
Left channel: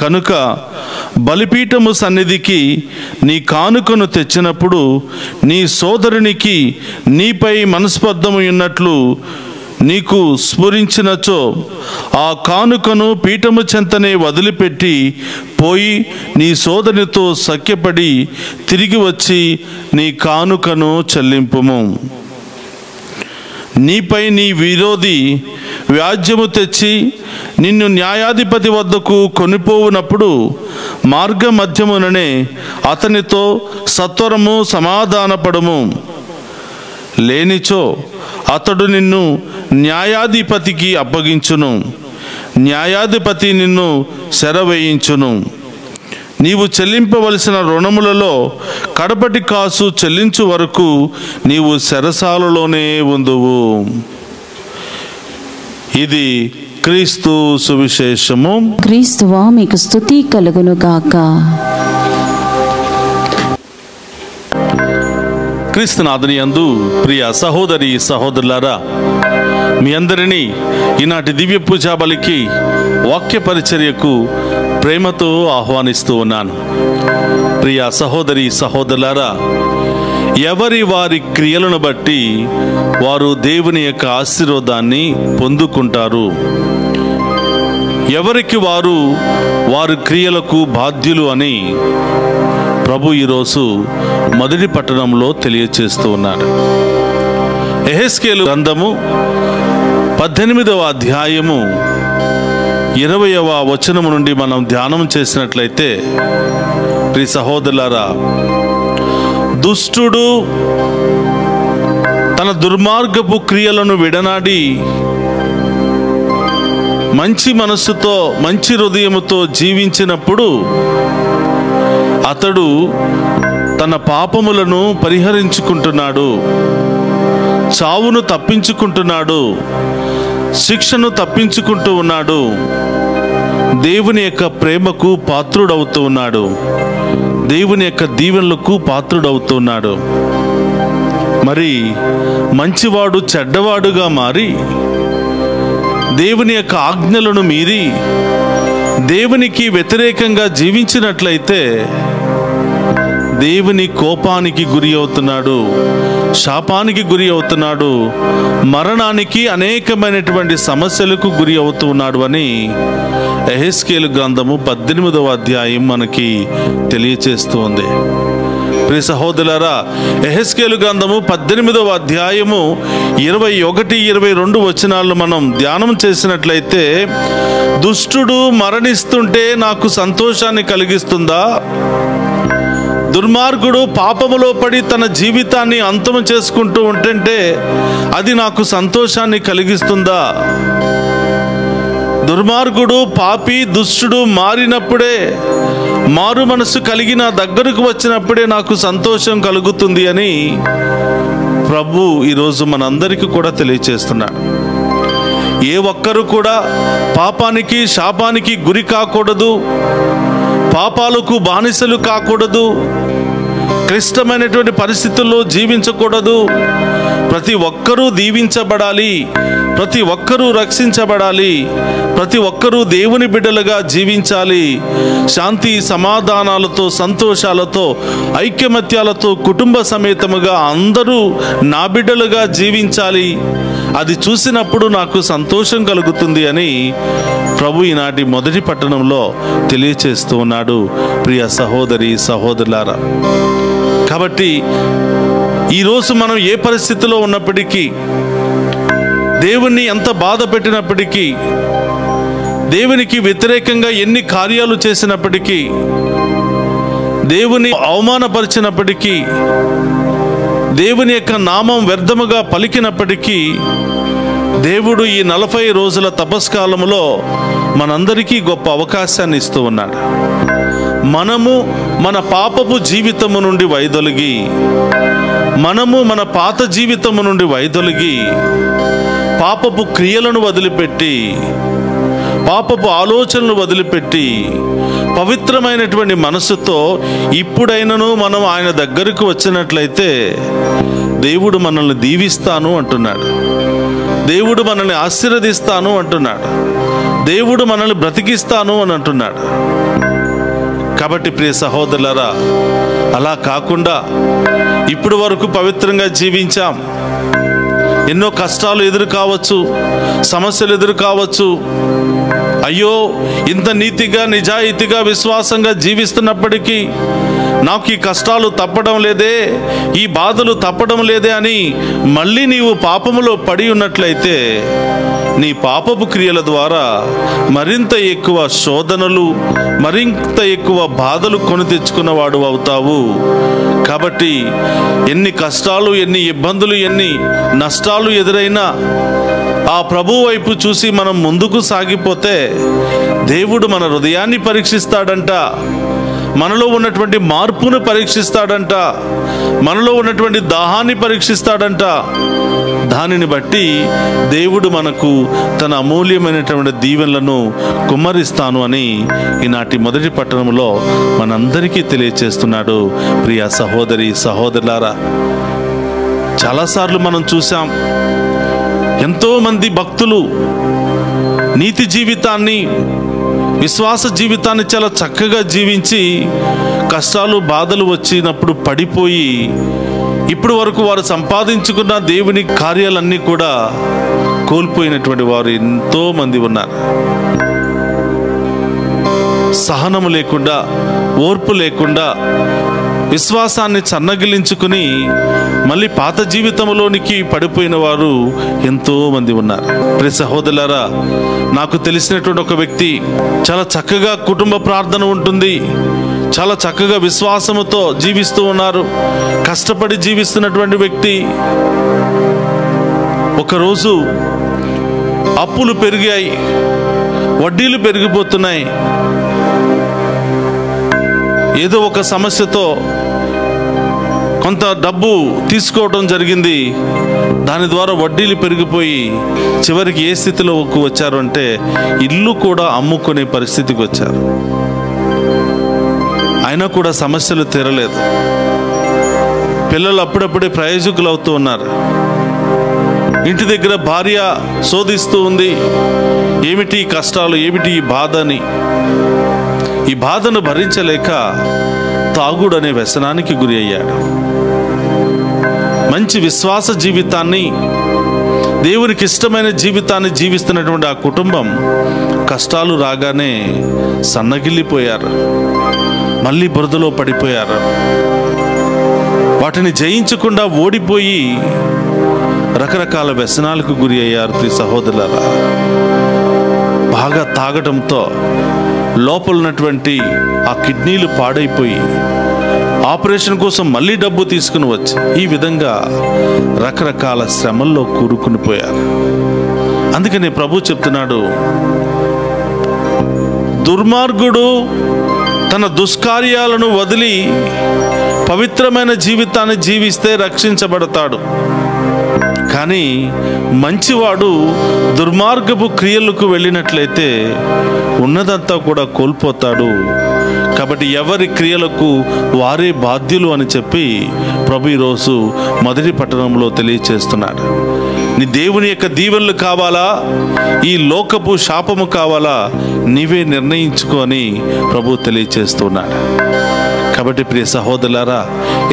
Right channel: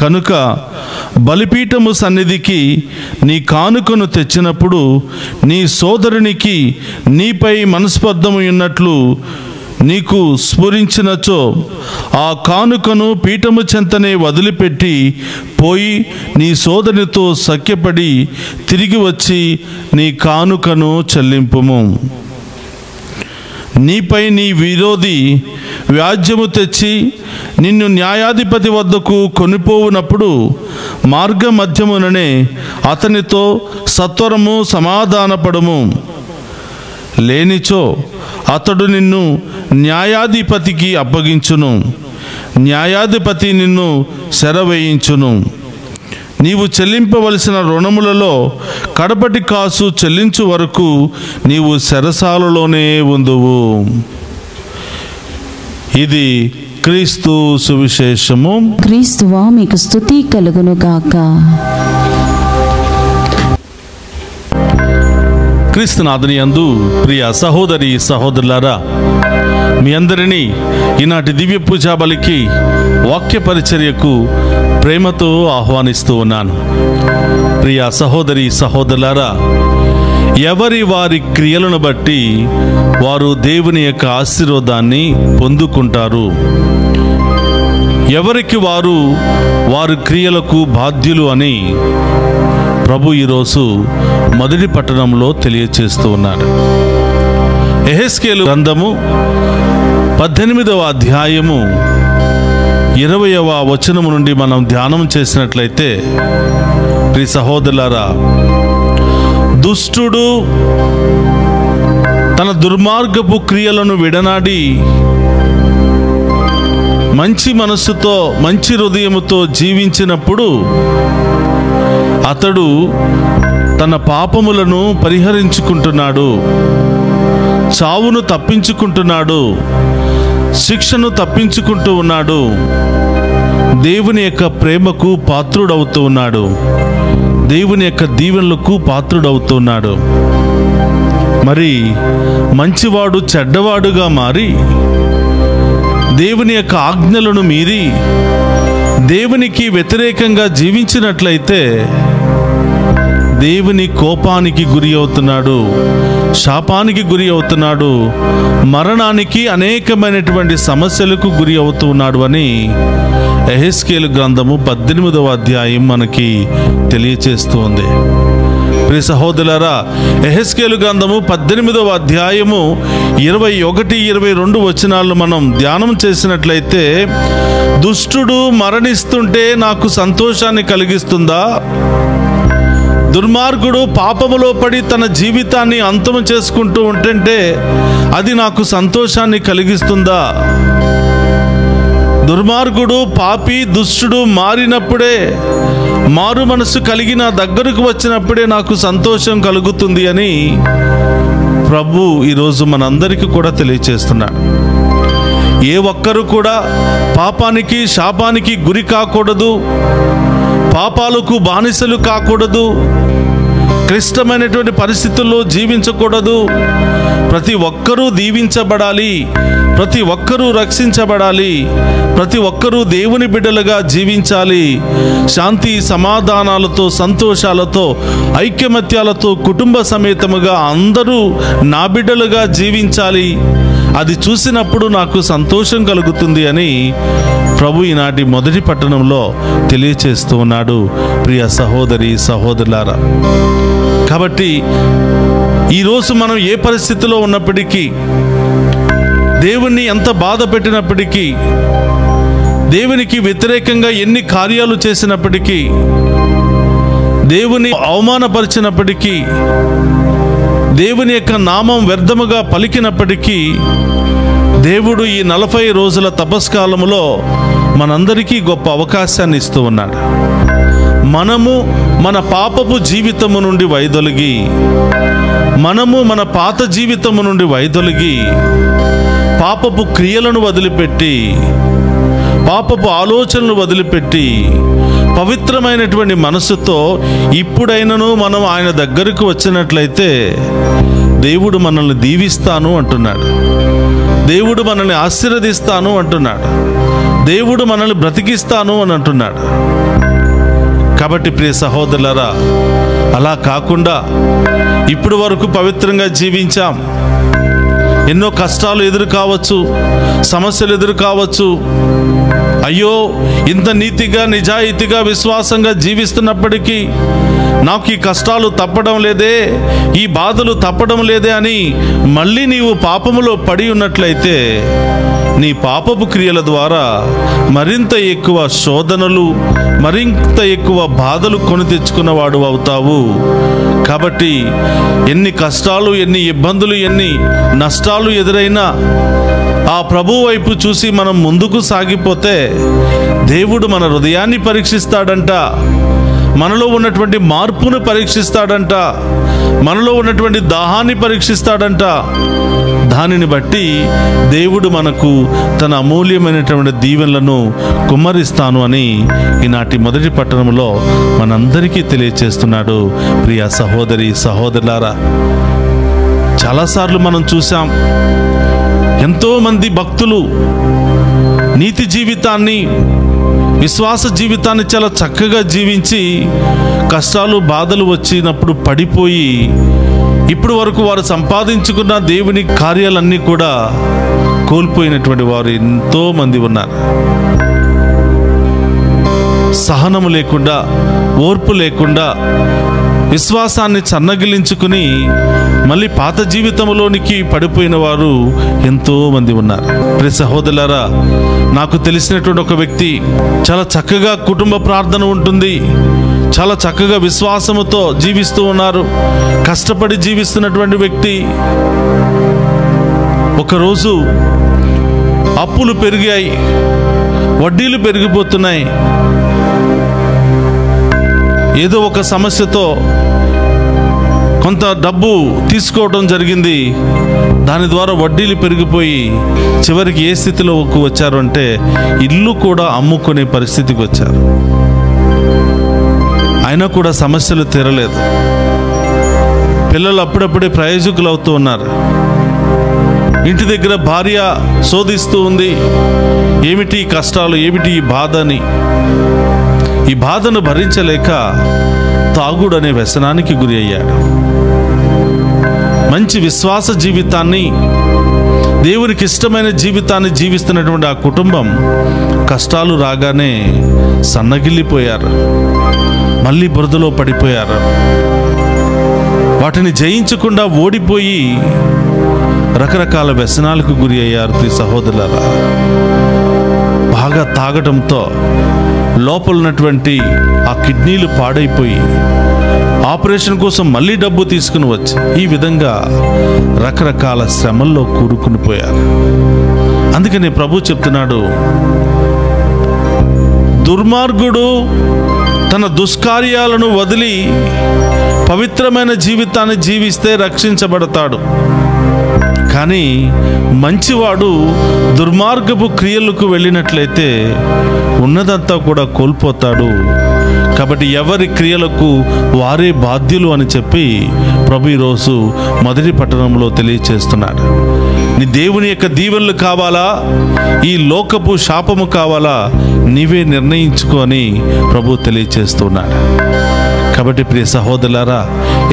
కనుక బలిపీఠము సన్నిధికి నీ కానుకను తెచ్చినప్పుడు నీ సోదరునికి నీపై మనస్పర్ధము ఉన్నట్లు నీకు స్ఫురించినచో ఆ కానుకను పీఠము చెంతనే వదిలిపెట్టి పోయి నీ సోదరునితో సఖ్యపడి తిరిగి వచ్చి నీ కానుకను చెల్లింపుము. నీపై నీ విరోధి వ్యాజ్యము తెచ్చి నిన్ను న్యాయాధిపతి వద్దకు కొనిపోవునప్పుడు మార్గ మధ్యముననే అతనితో సత్వరము సమాధానపడము. లేనిచో అతడు నిన్ను న్యాయాధిపతికి అప్పగించును, న్యాయాధిపతి నిన్ను శరవేయించును. నీవు చెల్లింపవలసిన రుణములలో కడపటి కాసు చెల్లించు వరకు నీవు చెరసాలలోనే ఉందువు. ఇది క్రీస్తు సువిశేషము. క్రీస్తువా మీకు స్తుతి కలుగునుగాక. క్రీస్తునాథుని యందు ప్రియ సహోదరి సహోదరులారా, మీ అందరినీ ఈనాటి దివ్య పూజా బలికి వాక్య పరిచర్యకు ప్రేమతో ఆహ్వానిస్తూ ఉన్నాను. ప్రియ సహోదరి సహోదరులారా, ఎవరి వారి క్రియలను బట్టి వారు దేవుని యొక్క ఆశీర్వాదాన్ని పొందుకుంటారు. ఎవరికి వారు వారి క్రియలకు బాధ్యులు అని ప్రభు ఈరోజు మొదటి పట్టణంలో తెలియచేస్తూ ఉన్నాడు. యెహెజ్కేలు గ్రంథము 18వ అధ్యాయము 20వ వచనము నుండి మనం ధ్యానం చేసినట్లయితే, ప్రియ సహోదరులారా, దుష్టుడు తన దుర్మార్గపు క్రియలను విడనాడి మంచి మనస్సుతో మంచి హృదయముతో జీవించినప్పుడు అతడు తన పాపములను పరిహరించుకుంటున్నాడు, చావును తప్పించుకుంటున్నాడు, శిక్షను తప్పించుకుంటూ ఉన్నాడు, దేవుని యొక్క ప్రేమకు పాత్రుడవుతూ ఉన్నాడు, దేవుని యొక్క దీవెనలకు పాత్రుడవుతున్నాడు. మరి మంచివాడు చెడ్డవాడుగా మారి దేవుని యొక్క ఆజ్ఞలను మీరి దేవునికి వ్యతిరేకంగా జీవించినట్లయితే దేవుని కోపానికి గురి అవుతున్నాడు, శాపానికి గురి అవుతున్నాడు, మరణానికి అనేకమైనటువంటి సమస్యలకు గురి అవుతున్నాడు అని యెహెజ్కేలు గ్రంథము 18వ అధ్యాయం మనకి తెలియచేస్తుంది. ప్రియ సహోదరులారా, యెహెజ్కేలు గ్రంథము 18వ అధ్యాయము 21, 22 వచనాలను మనం ధ్యానం చేసినట్లయితే, దుష్టుడు మరణిస్తుంటే నాకు సంతోషాన్ని కలిగిస్తుందా? దుర్మార్గుడు పాపములో పడి తన జీవితాన్ని అంతము చేసుకుంటూ ఉంటుంటే అది నాకు సంతోషాన్ని కలిగిస్తుందా? దుర్మార్గుడు, పాపి, దుష్టుడు మారినప్పుడే, మారు మనసు కలిగి నా దగ్గరకు వచ్చినప్పుడే నాకు సంతోషం కలుగుతుంది అని ప్రభు ఈరోజు మనందరికీ కూడా తెలియచేస్తున్నాడు. ఏ ఒక్కరు కూడా పాపానికి, శాపానికి గురి కాకూడదు, పాపాలకు బానిసలు కాకూడదు, క్లిష్టమైనటువంటి పరిస్థితుల్లో జీవించకూడదు. ప్రతి ఒక్కరూ దీవించబడాలి, ప్రతి ఒక్కరూ రక్షించబడాలి, ప్రతి ఒక్కరూ దేవుని బిడ్డలుగా జీవించాలి. శాంతి సమాధానాలతో, సంతోషాలతో, ఐక్యమత్యాలతో కుటుంబ సమేతముగా అందరూ నా బిడ్డలుగా జీవించాలి. అది చూసినప్పుడు నాకు సంతోషం కలుగుతుంది అని ప్రభు ఈనాటి మొదటి పట్టణంలో తెలియచేస్తూ ఉన్నాడు. ప్రియ సహోదరి సహోదరులారా, కాబట్టి ఈరోజు మనం ఏ పరిస్థితిలో ఉన్నప్పటికీ, దేవుణ్ణి ఎంత బాధ పెట్టినప్పటికీ, దేవునికి వ్యతిరేకంగా ఎన్ని కార్యాలు చేసినప్పటికీ, దేవుని అవమానపరిచినప్పటికీ, దేవుని యొక్క నామం వ్యర్థముగా పలికినప్పటికీ, దేవుడు ఈ 40 రోజుల తపస్కాలములో మనందరికీ గొప్ప అవకాశాన్ని ఇస్తూ ఉన్నాడు. మనము మన పాపపు జీవితము నుండి వైదొలిగి, మనము మన పాత జీవితము నుండి వైదొలిగి, పాపపు క్రియలను వదిలిపెట్టి, పాపపు ఆలోచనలు వదిలిపెట్టి, పవిత్రమైనటువంటి మనసుతో ఇప్పుడైనను మనం ఆయన దగ్గరకు వచ్చినట్లయితే దేవుడు మనల్ని దీవిస్తాను అంటున్నాడు, దేవుడు మనల్ని ఆశీర్వదిస్తాను అంటున్నాడు, దేవుడు మనల్ని బ్రతికిస్తాను అని అంటున్నాడు. కాబట్టి ప్రియ సహోదరులారా, అలా కాకుండా ఇప్పుడు వరకు పవిత్రంగా జీవించాం, ఎన్నో కష్టాలు ఎదురు కావచ్చు, సమస్యలు ఎదురు కావచ్చు, అయ్యో ఇంత నీతిగా, నిజాయితీగా, విశ్వాసంగా జీవిస్తున్నప్పటికీ నాకు ఈ కష్టాలు తప్పడం లేదే, ఈ బాధలు తప్పడం లేదే అని మళ్ళీ నీవు పాపములో పడి ఉన్నట్లయితే నీ పాపపు క్రియల ద్వారా మరింత ఎక్కువ శోధనలు, మరింత ఎక్కువ బాధలు కొని తెచ్చుకున్నవాడు అవుతావు. కాబట్టి ఎన్ని కష్టాలు, ఎన్ని ఇబ్బందులు, ఎన్ని నష్టాలు ఎదురైనా ఆ ప్రభు వైపు చూసి మనం ముందుకు సాగిపోతే దేవుడు మన హృదయాన్ని పరీక్షిస్తాడంట, మనలో ఉన్నటువంటి మార్పును పరీక్షిస్తాడంట, మనలో ఉన్నటువంటి దాహాన్ని పరీక్షిస్తాడంట. దానిని బట్టి దేవుడు మనకు తన అమూల్యమైనటువంటి దీవెనలను కుమ్మరిస్తాను అని ఈనాటి మొదటి పట్టణంలో మనందరికీ తెలియచేస్తున్నాడు. ప్రియ సహోదరి సహోదరులారా, చాలాసార్లు మనం చూసాం, ఎంతోమంది భక్తులు నీతి జీవితాన్ని, విశ్వాస జీవితాన్ని చాలా చక్కగా జీవించి కష్టాలు, బాధలు వచ్చినప్పుడు పడిపోయి ఇప్పుడు వరకు వారు సంపాదించుకున్న దేవుని కార్యాలన్నీ కూడా కోల్పోయినటువంటి వారు ఎంతో మంది ఉన్నారు. సహనము లేకుండా, ఓర్పు లేకుండా, విశ్వాసాన్ని సన్నగిలించుకుని మళ్ళీ పాత జీవితంలోనికి పడిపోయిన వారు ఎంతో మంది ఉన్నారు. ప్రియ సహోదరులారా, నాకు తెలిసినటువంటి ఒక వ్యక్తి చాలా చక్కగా కుటుంబ ప్రార్థన ఉంటుంది, చాలా చక్కగా విశ్వాసముతో జీవిస్తూ ఉన్నారు, కష్టపడి జీవిస్తున్నటువంటి వ్యక్తి. ఒకరోజు అప్పులు పెరిగాయి, వడ్డీలు పెరిగిపోతున్నాయి. ఏదో ఒక సమస్యతో కొంత డబ్బు తీసుకోవడం జరిగింది. దాని ద్వారా వడ్డీలు పెరిగిపోయి చివరికి ఏ స్థితిలోకి వచ్చారు అంటే ఇల్లు కూడా అమ్ముకునే పరిస్థితికి వచ్చారు. అయినా కూడా సమస్యలు తీరలేదు. పిల్లలు అప్పుడప్పుడే ప్రయోజకులు అవుతూ ఉన్నారు. ఇంటి దగ్గర భార్య శోధిస్తూ ఉంది, ఏమిటి ఈ కష్టాలు, ఏమిటి ఈ బాధ అని. ఈ బాధను భరించలేక తాగుడు అనే వ్యసనానికి గురి అయ్యాడు. మంచి విశ్వాస జీవితాన్ని, దేవునికి ఇష్టమైన జీవితాన్ని జీవిస్తున్నటువంటి ఆ కుటుంబం కష్టాలు రాగానే సన్నగిల్లిపోయారు, మళ్ళీ బురదలో పడిపోయారు. వాటిని జయించకుండా ఓడిపోయి రకరకాల వ్యసనాలకు గురి అయ్యారు. ప్రియ సహోదరులారా, బాగా తాగడంతో లోపల ఉన్నటువంటి ఆ కిడ్నీలు పాడైపోయి ఆపరేషన్ కోసం మళ్ళీ డబ్బు తీసుకుని వచ్చి ఈ విధంగా రకరకాల శ్రమల్లో కూరుకుని పోయారు. అందుకని ప్రభు చెప్తున్నాడు, దుర్మార్గుడు తన దుష్కార్యాలను వదిలి పవిత్రమైన జీవితాన్ని జీవిస్తే రక్షించబడతాడు. కానీ మంచివాడు దుర్మార్గపు క్రియలకు వెళ్ళినట్లయితే ఉన్నదంతా కూడా కోల్పోతాడు. కాబట్టి ఎవరి క్రియలకు వారే బాధ్యులు అని చెప్పి ప్రభు ఈరోజు మొదటి పట్టణంలో తెలియచేస్తున్నాడు. నీ దేవుని యొక్క దీవెనలు కావాలా, ఈ లోకపు శాపము కావాలా, నీవే నిర్ణయించుకొని ప్రభు తెలియచేస్తున్నాడు. కాబట్టి ప్రియ సహోదరులారా,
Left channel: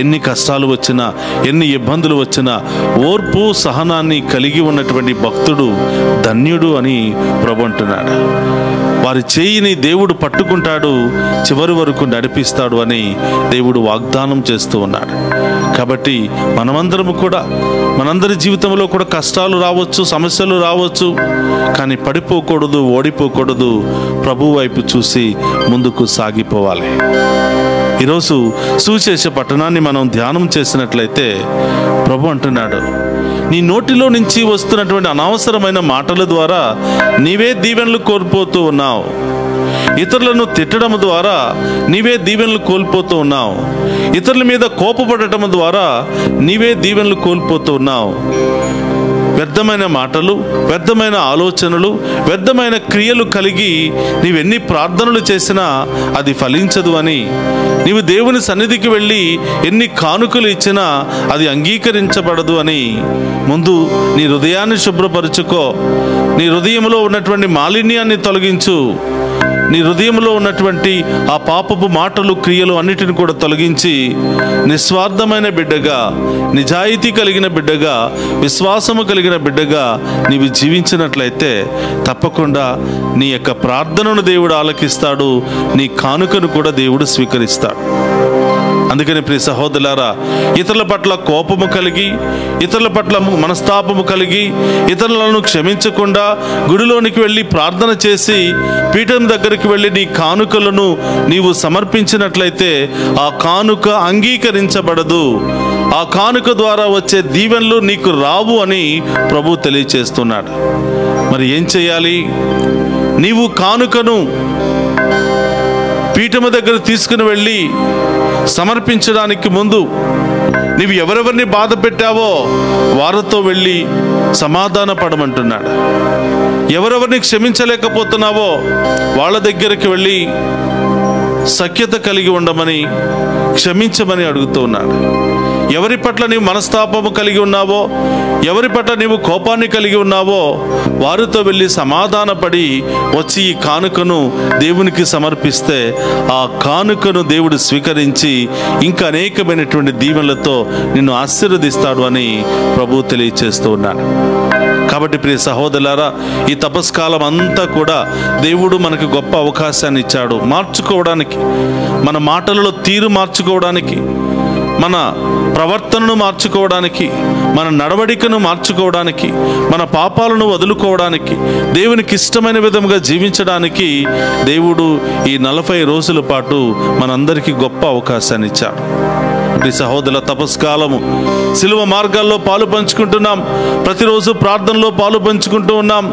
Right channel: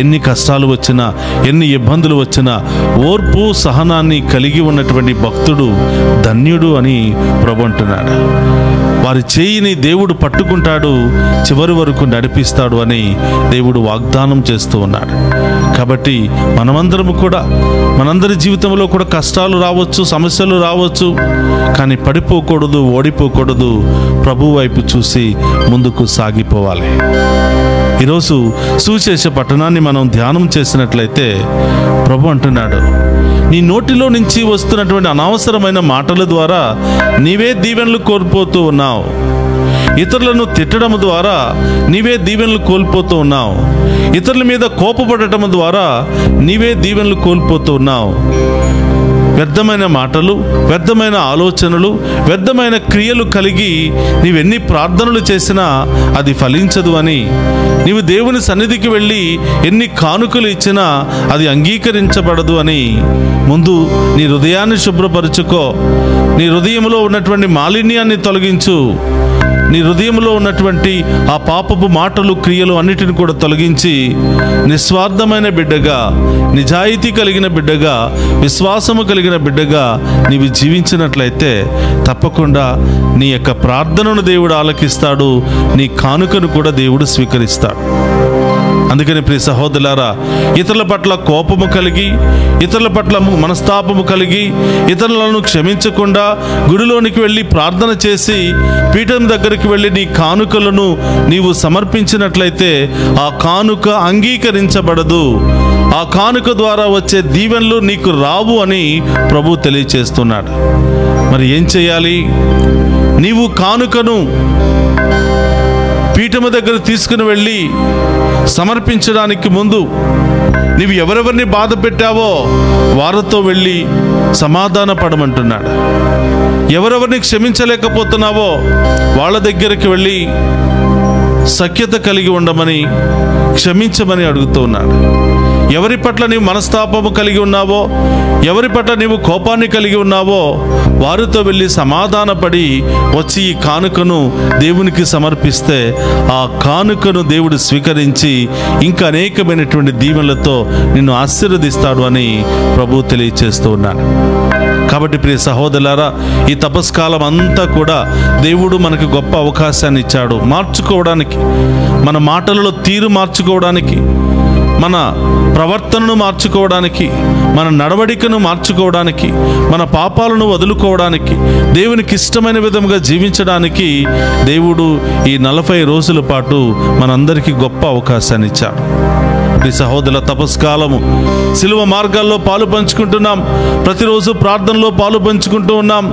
ఎన్ని కష్టాలు వచ్చినా, ఎన్ని ఇబ్బందులు వచ్చినా ఓర్పు సహనాన్ని కలిగి ఉన్నటువంటి భక్తుడు ధన్యుడు అని ప్రభు అంటున్నాడు. వారి చేయిని దేవుడు పట్టుకుంటాడు, చివరి వరకు నడిపిస్తాడు అని దేవుడు వాగ్దానం చేస్తూ ఉన్నాడు. కాబట్టి మనమందరము కూడా, మనందరి జీవితంలో కూడా కష్టాలు రావచ్చు, సమస్యలు రావచ్చు, కానీ పడిపోకూడదు, ఓడిపోకూడదు. ప్రభు వైపు చూసి ముందుకు సాగిపోవాలి. ఈరోజు సువిశేష పట్టణాన్ని మనం ధ్యానం చేసినట్లయితే ప్రభు అంటున్నాడు, నీ నోటిలో నుంచి వస్తున్నటువంటి అనవసరమైన మాటల ద్వారా నీవే దీవెనలు కోల్పోతూ ఉన్నావు. ఇతరులను తిట్టడం ద్వారా నీవే దీవెనలు కోల్పోతూ ఉన్నావు. ఇతరుల మీద కోపపడటం ద్వారా నీవే దీవెనలు కోల్పోతూ ఉన్నావు. వ్యర్థమైన మాటలు, వ్యర్థమైన ఆలోచనలు, వ్యర్థమైన క్రియలు కలిగి నీవెన్ని ప్రార్థనలు చేసినా అది ఫలించదు అని, నీవు దేవుని సన్నిధికి వెళ్ళి ఎన్ని కానుకలు ఇచ్చినా అది అంగీకరించబడదు అని ముందు నీ హృదయాన్ని శుభ్రపరుచుకో. నీ హృదయంలో ఉన్నటువంటి మాలిన్యాన్ని తొలగించు. నీ హృదయంలో ఉన్నటువంటి ఆ పాపపు మాటలు, క్రియలు అన్నిటిని కూడా తొలగించి నిస్వార్థమైన బిడ్డగా, నిజాయితీ కలిగిన బిడ్డగా, విశ్వాసము కలిగిన బిడ్డగా నీవు జీవించినట్లయితే తప్పకుండా నీ యొక్క ప్రార్థనను దేవుడు ఆలకిస్తాడు, నీ కానుకను కూడా దేవుడు స్వీకరిస్తాడు. అందుకని ప్రియ సహోదరులారా, ఇతరుల పట్ల కోపము కలిగి, ఇతరుల పట్ల మనస్తాపము కలిగి, ఇతరులను క్షమించకుండా గుడిలోనికి వెళ్ళి ప్రార్థన చేసి పీఠం దగ్గరికి వెళ్ళి నీ కానుకలను నీవు సమర్పించినట్లయితే ఆ కానుక అంగీకరించబడదు. ఆ కానుక ద్వారా వచ్చే దీవెనలు నీకు రావు అని ప్రభు తెలియచేస్తున్నాడు. మరి ఏం చేయాలి? నీవు కానుకను పీఠము దగ్గర తీసుకుని వెళ్ళి సమర్పించడానికి ముందు నీవు ఎవరెవరిని బాధ పెట్టావో వారితో వెళ్ళి సమాధాన పడమంటున్నాడు. ఎవరెవరిని క్షమించలేకపోతున్నావో వాళ్ళ దగ్గరికి వెళ్ళి సఖ్యత కలిగి ఉండమని, క్షమించమని అడుగుతూ ఉన్నాడు. ఎవరి పట్ల నీవు మనస్తాపము కలిగి ఉన్నావో, ఎవరి పట్ల నీవు కోపాన్ని కలిగి ఉన్నావో వారితో వెళ్ళి సమాధానపడి వచ్చి ఈ కానుకను దేవునికి సమర్పిస్తే ఆ కానుకను దేవుడు స్వీకరించి ఇంకా అనేకమైనటువంటి దీవెనలతో నిన్ను ఆశీర్వదిస్తాడు అని ప్రభు తెలియచేస్తూ ఉన్నాడు. కాబట్టి ప్రియ సహోదరులారా, ఈ తపస్కాలం అంతా కూడా దేవుడు మనకు గొప్ప అవకాశాన్ని ఇచ్చాడు మార్చుకోవడానికి, మన మాటలలో తీరు మార్చుకోవడానికి, మన ప్రవర్తనను మార్చుకోవడానికి, మన నడవడికను మార్చుకోవడానికి, మన పాపాలను వదులుకోవడానికి, దేవునికి ఇష్టమైన విధంగా జీవించడానికి దేవుడు ఈ 40 రోజుల పాటు మనందరికీ గొప్ప అవకాశాన్ని ఇచ్చాడు. ప్రియ సహోదరుల, తపస్కాలము సిలువ మార్గాల్లో పాలు పంచుకుంటున్నాం. ప్రతిరోజు ప్రార్థనలో పాలు పంచుకుంటూ ఉన్నాం.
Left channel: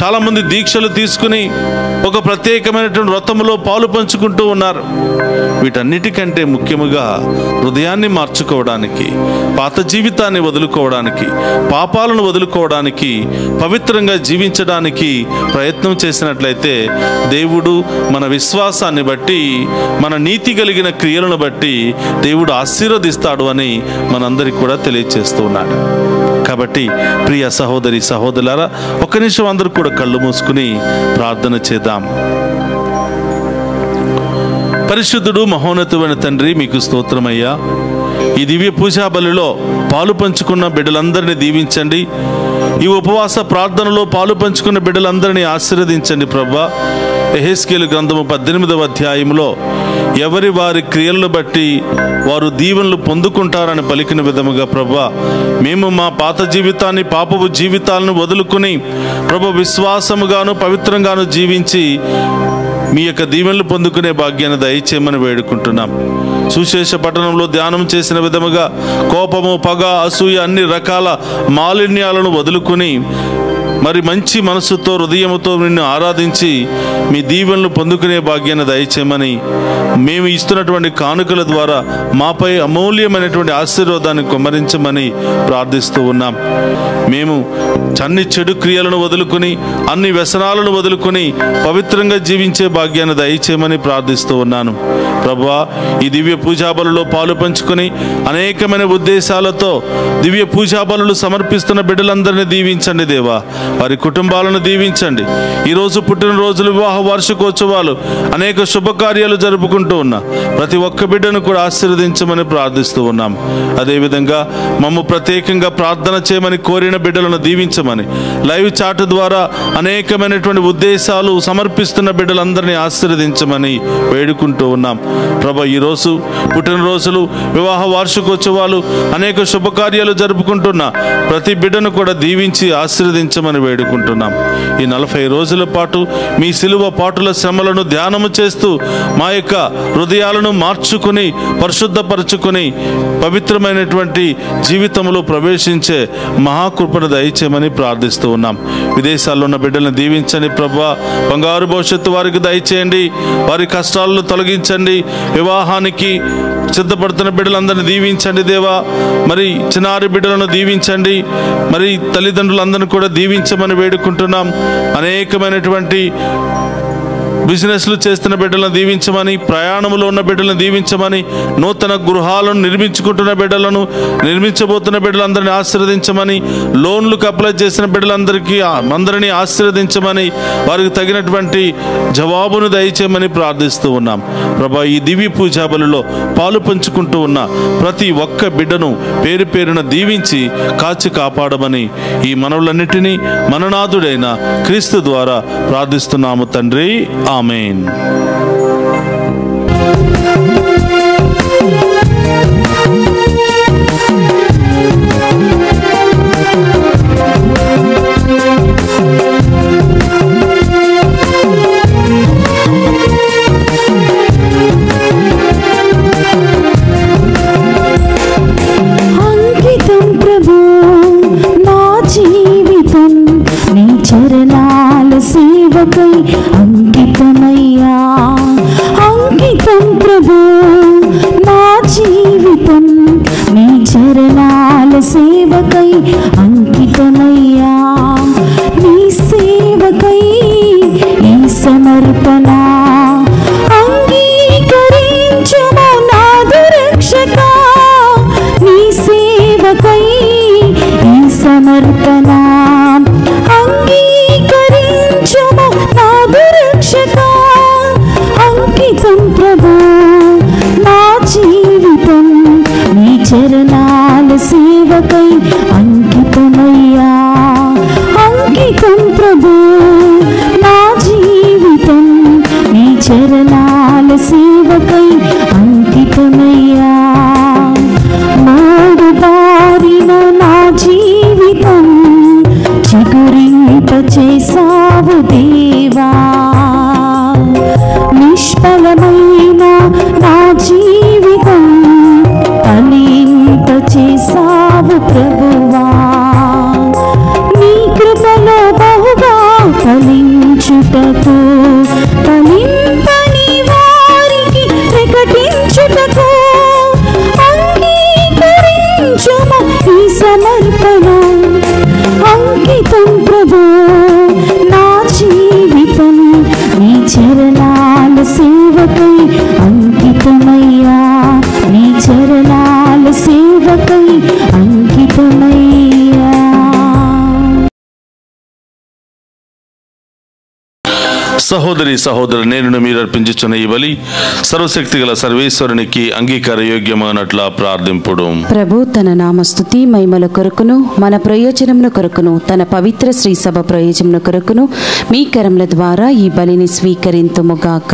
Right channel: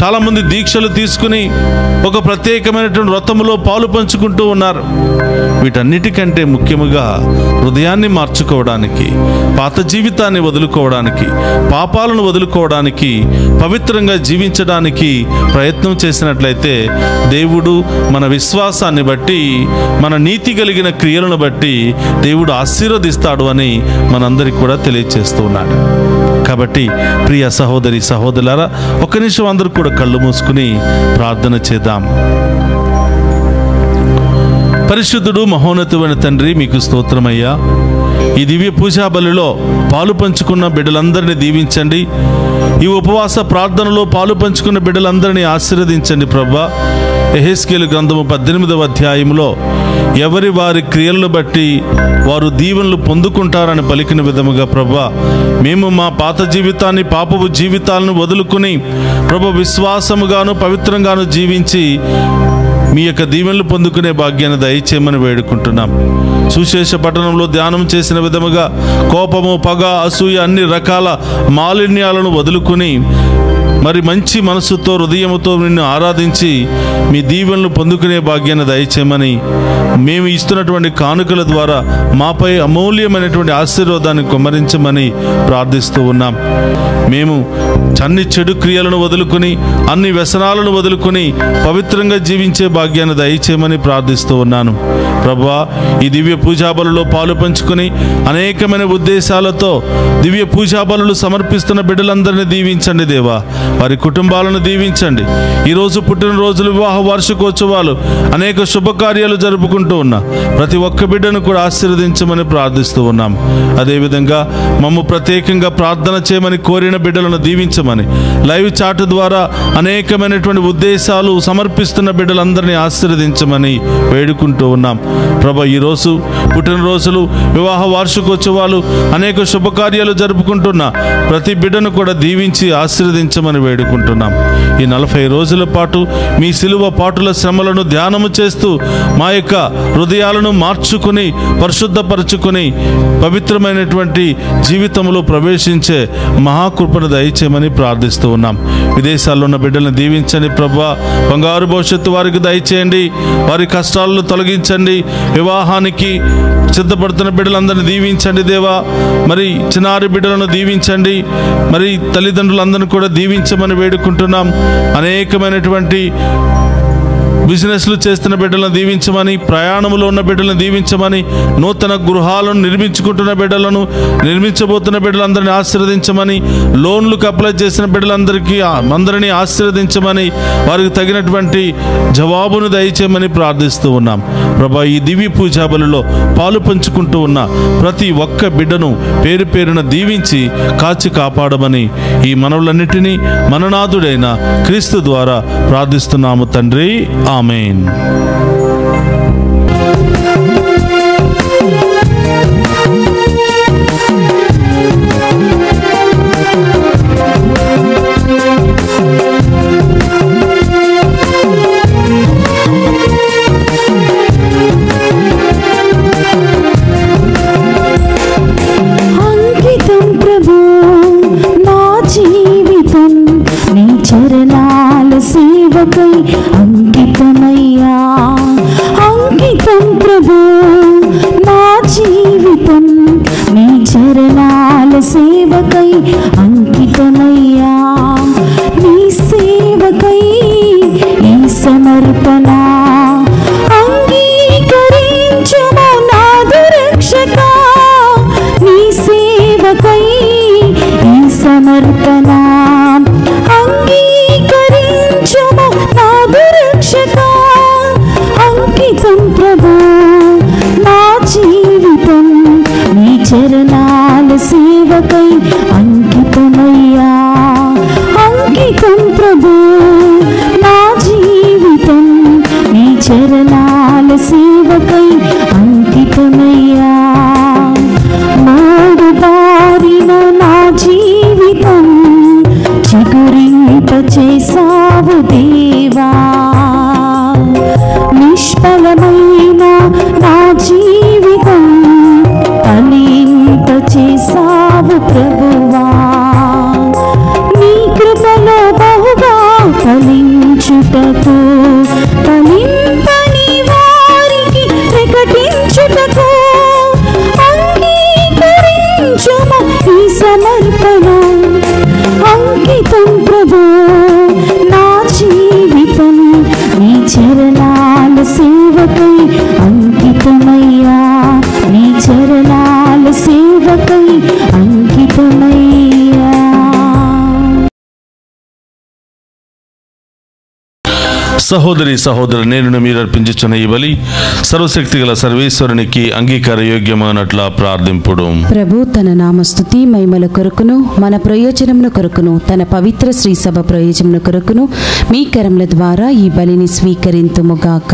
చాలామంది దీక్షలు తీసుకుని ఒక ప్రత్యేకమైనటువంటి వ్రతములో పాలు పంచుకుంటూ ఉన్నారు. వీటన్నిటికంటే ముఖ్యముగా హృదయాన్ని మార్చుకోవడానికి, పాత జీవితాన్ని వదులుకోవడానికి, పాపాలను వదులుకోవడానికి, పవిత్రంగా జీవించడానికి ప్రయత్నం చేసినట్లయితే దేవుడు మన విశ్వాసాన్ని బట్టి, మన నీతి కలిగిన క్రియలను బట్టి దేవుడు ఆశీర్వదిస్తాడు అని మనందరికీ కూడా తెలియజేస్తూ ఉన్నాడు. కాబట్టి ప్రియ సహోదరి సహోదరులారా, ఒక్క నిమిషం అందరూ కూడా కళ్ళు మూసుకుని ప్రార్థన చేద్దాం. పరిశుద్ధుడు మహోన్నతుడైన తండ్రి, మీకు స్తోత్రమయ్యా. ఈ దివ్య పూజా బలిలో పాలు పంచుకున్న బిడ్డలందరినీ దీవించండి. ఈ ఉపవాస ప్రార్థనలో పాలు పంచుకున్న బిడ్డలందరినీ ఆశీర్వదించండి ప్రభువా. యెహెజ్కేలు గ్రంథము 18వ అధ్యాయంలో ఎవరి వారి క్రియలను బట్టి వారు దీవెనలు పొందుకుంటారని పలికిన విధముగా ప్రభువా, మేము మా పాత జీవితాన్ని, పాపపు జీవితాలను వదులుకుని ప్రభు విశ్వాసముగాను పవిత్రంగాను జీవించి మీ యొక్క దీవెనలు పొందుకునే భాగ్యాన్ని దయచేయమని వేడుకుంటున్నాం. సుశేష పట్టణంలో ధ్యానం చేసిన విధముగా కోపము, పగ, అసూయ అన్ని రకాల మాలిన్యాలను వదులుకుని మరి మంచి మనసుతో, హృదయముతో నిన్ను ఆరాధించి మీ దీవెనలు పొందుకునే భాగ్యాన్ని దయచేయమని, మేము ఇస్తున్నటువంటి కానుకల ద్వారా మాపై అమూల్యమైనటువంటి ఆశీర్వాదాన్ని కుమ్మరించమని ప్రార్థిస్తూ ఉన్నాం. మేము అన్ని చెడు క్రియలను వదులుకుని, అన్ని వ్యసనాలను వదులుకుని పవిత్రంగా జీవించే భాగ్యాన్ని దయచేయమని ప్రార్థిస్తూ ఉన్నాను. ప్రభువా, ఈ దివ్య పూజాబలులో పాలు పంచుకొని అనేకమైన ఉద్దేశాలతో దివ్య పూజాబలులు సమర్పిస్తున్న బిడ్డలందరినీ దీవించండి దేవా. వారి కుటుంబాలను దీవించండి. ఈరోజు పుట్టినరోజులు, వివాహ వార్షికోత్సవాలు, అనేక శుభకార్యాలు జరుపుకుంటూ ఉన్న ప్రతి ఒక్క బిడ్డను కూడా ఆశీర్వదించమని ప్రార్థిస్తూ ఉన్నాం. అదేవిధంగా మమ్ము ప్రత్యేకంగా ప్రార్థన చేయమని కోరిన బిడ్డలను దీవించమని, లైవ్ చాట్ ద్వారా అనేకమైనటువంటి ఉద్దేశాలు సమర్పిస్తున్న బిడ్డలందరినీ ఆశీర్వదించమని వేడుకుంటూ ఉన్నాం. ప్రభా, ఈరోజు పుట్టినరోజులు, వివాహ వార్షికోత్సవాలు, అనేక శుభకార్యాలు జరుపుకుంటున్న ప్రతి బిడ్డను కూడా దీవించి ఆశీర్వదించమని వేడుకుంటున్నాం. ఈ 40 రోజుల పాటు మీ సిలువ పాటుల శ్రమలను ధ్యానము చేస్తూ మా యొక్క హృదయాలను మార్చుకుని, పరిశుద్ధపరచుకుని పవిత్రమైనటువంటి జీవితంలో ప్రవేశించే మహాకృపను దయచేయమని ప్రార్థిస్తూ ఉన్నాం. విదేశాల్లో ఉన్న బిడ్డలను దీవించండి ప్రభువా. బంగారు భవిష్యత్తు వారికి దయచేయండి. వారి కష్టాలను తొలగించండి. వివాహానికి సిద్ధపడుతున్న బిడ్డలందరినీ దీవించండి దేవా. మరి చిన్నారి బిడ్డలను దీవించండి. మరి తల్లిదండ్రులందరినీ కూడా దీవించమని వేడుకుంటున్నాం. అనేకమైనటువంటి బిజినెస్లు చేస్తున్న బిడ్డలను దీవించమని, ప్రయాణంలో ఉన్న బిడ్డలను దీవించమని, నూతన గృహాలను నిర్మించుకుంటున్న బిడ్డలను, నిర్మించబోతున్న బిడ్డలందరినీ ఆశీర్వదించమని, లోన్లకు అప్లై చేసిన అందరినీ ఆశీర్వదించమని, వారికి తగినటువంటి జవాబును దయచేయమని ప్రార్థిస్తూ ఉన్నాం. ప్రభా, ఈ దివ్య పూజా బలిలో పాలు పంచుకుంటూ ఉన్న ప్రతి ఒక్క బిడ్డను పేరు పేరున దీవించి కాచి కాపాడమని ఈ మనవులన్నిటినీ మననాథుడైన క్రీస్తు ద్వారా ప్రార్థిస్తున్నాము తండ్రి. ఆమేన్. అంకితం ప్రభు నా జీవితం నీ చరణాల సేవకై అంకితమయ్యా. అంకితం ప్రభు నా జీవితం నీ చరణాల సేవకై అంకితమయ్యా. నీ సేవకై ఈ సమర్పణ అంగీకరించుము నాదు రక్షక. నీ సేవకై ఈ సమర్పణ అంగీకరించుము నాదు రక్షక. అంకితం ప్రభు నా జీవితం నీ చరణాల సేవకై అంకితమయ్యా. అంకితం ప్రభు నా జీవితం నీ చరణాల సేవకై అంకితమయ్యా. మూడు బారిన నా జీవితం అంకితం ప్రభు నా జీవితం నీ చరణాల సేవకై అంకితమయ్యా నీ చరణాల సేవకై అంకితమయ్యా. సహోదరి సహోదరు, నేను మీరు అర్పించుచున్న ఈ బలి సర్వశక్తి గల సర్వేశ్వరునికి అంగీకార యోగ్యమైనట్లా ప్రార్థింపుడు. ప్రభు తన నామస్తుతి మహిమల కొరకును మన ప్రయోజనముల కొరకును తన పవిత్ర శ్రీ సభ ప్రయోజనముల కొరకును మీ కరముల ద్వారా ఈ బలిని స్వీకరింతుముగాక.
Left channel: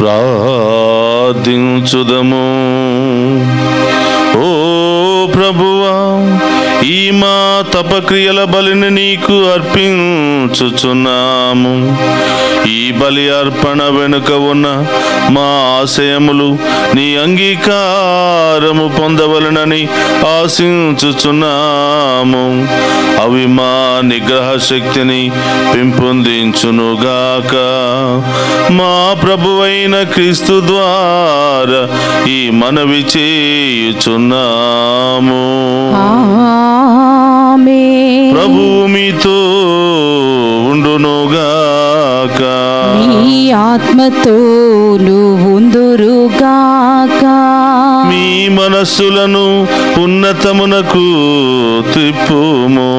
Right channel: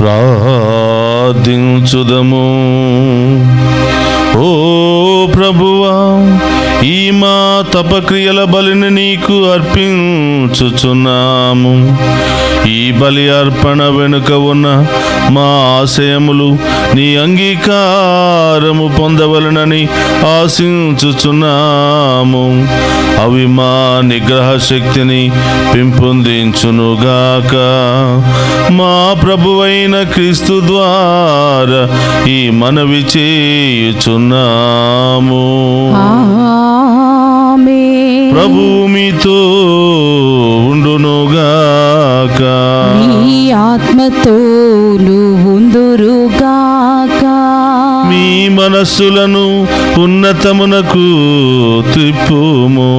ప్రార్థించుదము. ఓ ప్రభువా, ఈ మా తపక్రియల బలిని నీకు అర్పించుచున్నాము. ఈ బలి అర్పణ వెనుక ఉన్న మా ఆశయములు నీ అంగీకారము పొందవలనని ఆశించుచున్నాము. అవి మా నిగ్రహ శక్తిని పెంపొందించునుగాక. మా ప్రభువైన క్రీస్తు ద్వారా ఈ మనవి చేయుచున్నాము. ఆమేన్. ప్రభువు మీతో ఉండునుగాక. నీ ఆత్మతోను ఉందురుగాక. మీ మనస్సులను ఉన్నతమునకు త్రిప్పుము.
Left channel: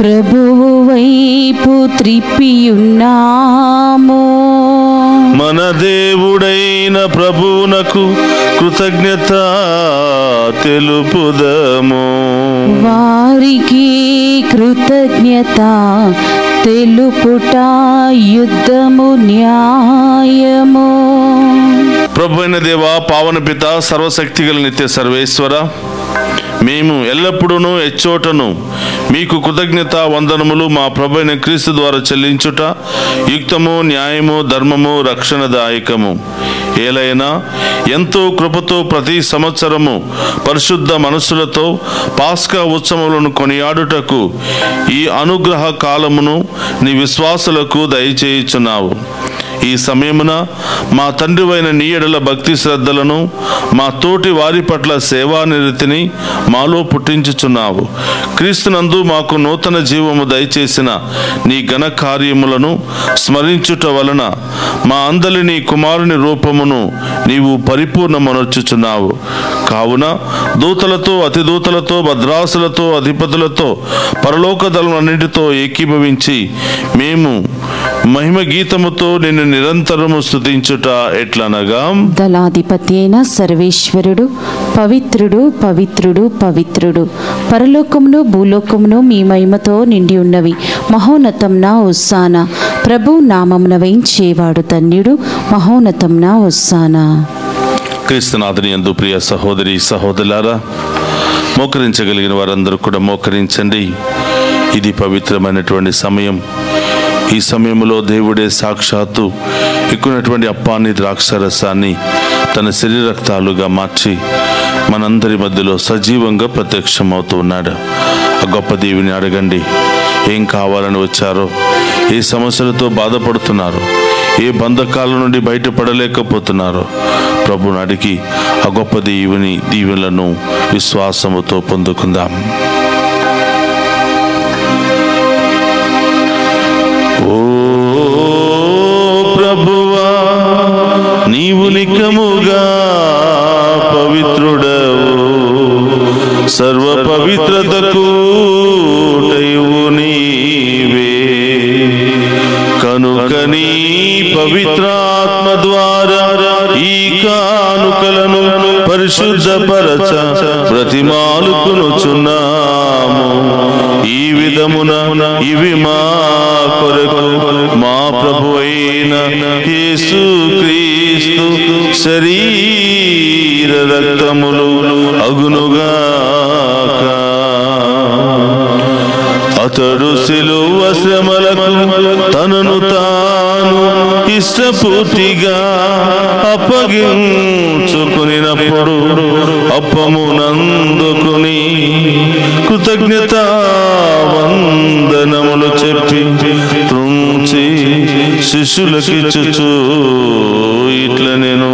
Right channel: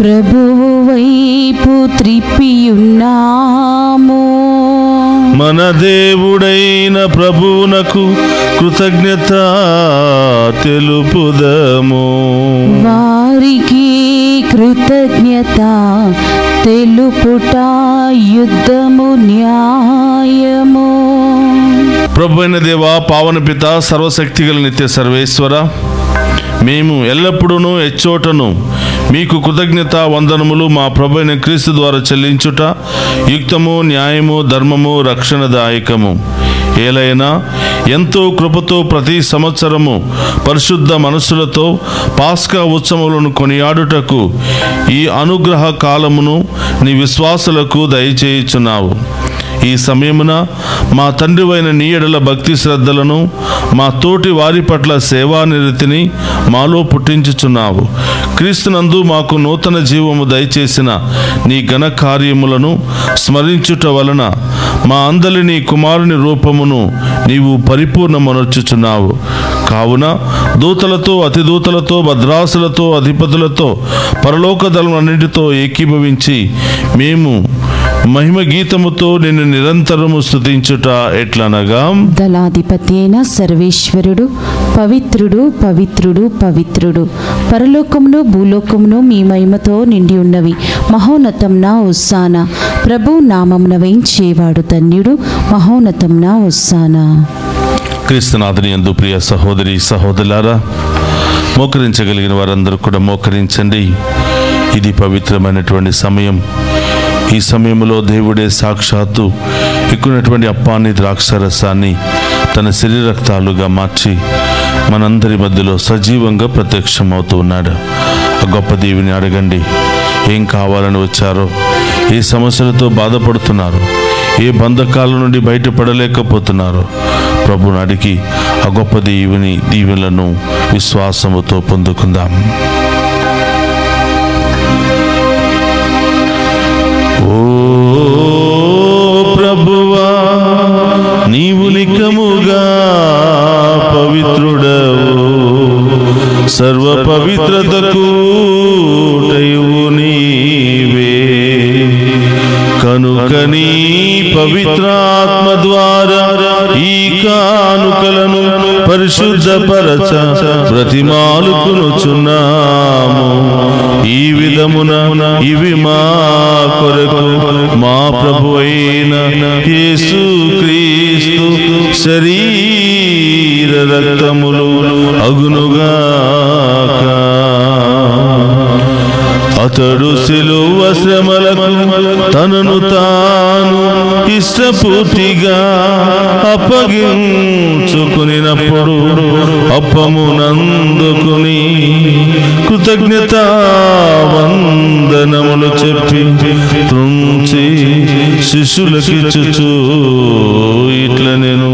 ప్రభువు వైపు త్రిప్పియున్నాము. మన దేవుడైన ప్రభువునకు కృతజ్ఞత తెలుపుదము. వారికి కృతజ్ఞత తెలుపుట యుద్ధము న్యాయము. ప్రభు అయిన దేవా, పావన పిత, సర్వశక్తి గల నిత్య సర్వేశ్వర, మేము ఎల్లప్పుడూ ఎచ్చోటను మీకు కృతజ్ఞత వందనములు మా ప్రభు అయిన క్రీస్తు ద్వారా చెల్లించుట యుక్తము, న్యాయము, ధర్మము, రక్షణదాయకము. ఏలైనా ఎంతో కృపతో ప్రతి సంవత్సరము పరిశుద్ధ మనస్సులతో పాస్కా ఉత్సవములను కొనియాడుటకు ఈ అనుగ్రహ కాలమును నీ విశ్వాసులకు దయచేయుచున్నావు. ఈ సమయమున మా తండ్రివైన నీ ఎడల భక్తి శ్రద్ధలను, మా తోటి వారి పట్ల సేవానిరతిని మాలో పుట్టించుచున్నావు. క్రీస్తునందు మాకు నూతన జీవము దయచేసిన నీ ఘన కార్యములను స్మరించుట వలన మా అందరి నీ కుమారుని రూపమును నీవు పరిపూర్ణమనర్చుచున్నావు. కావున దూతలతో, అతిదూతలతో, భద్రాసులతో, అధిపతులతో, పరలోక దళములన్నిటితో ఏకీభవించి మేము మహిమ గీతముతో నిన్ను నిరంతరము స్తుతించుట ఎట్లనగా, దళాధిపతి అయిన సర్వేశ్వరుడు పవిత్రుడు, పవిత్రుడు, పవిత్రుడు, పరలోకమును భూలోకమును మీ మహిమతో నిండి ఉన్నవి. మహోన్నతంన హోసానా. ప్రభు నామమున వేయించేవాడు ధన్యుడు. మహోన్నతంన హోసానా. క్రీస్తునాథుని యందు ప్రియ సహోదరి సహోదరులారా, మోకరించగలిగిన వారందరూ కూడా మోకరించండి. ఇది పవిత్రమైనటువంటి సమయం. ఈ సమయంలో దేవుడే సాక్షాత్తు ఎక్కునటువంటి అప్పాన్ని, ద్రాక్షరసాన్ని తన శరీరక్తాలుగా మార్చి మనందరి మధ్యలో సజీవంగా ప్రత్యక్షమవుతూ ఉన్నాడు. ఆ గొప్ప దేవుని అడగండి. ఏం కావాలని వచ్చారో, ఏ సమస్యలతో బాధపడుతున్నారు, ఏ బంధకాల నుండి బయటపడలేకపోతున్నారు, ప్రభుని అడిగి ఆ గొప్ప దేవుని దీవెనలను విశ్వాసముతో పొందుకుందాం. ఓ ప్రభువా, నీవు నికముగా పవిత్రుడవు, సర్వ పవిత్రతకు ఊటయు నీవే. కనుక నీ పవిత్రాత్మ ద్వారా ఈ కానుకలను పరిశుద్ధపరచ బ్రతిమాలుకొనుచున్నాము. ఈ విధమున ఇవి మా కొరకు మా ప్రభు అయిన యేసు క్రీస్తు శరీర రక్తములు అగునుగాక. అతడు శిలువ శ్రమలకు తనను తాను ఇష్టపూర్తిగా అప్పగించుకునినప్పుడు అప్పమునందుకుని కృతజ్ఞతా వందనములు చెప్పి త్రుంచి శిష్యులకిచ్చుచు ఇట్లా నేను,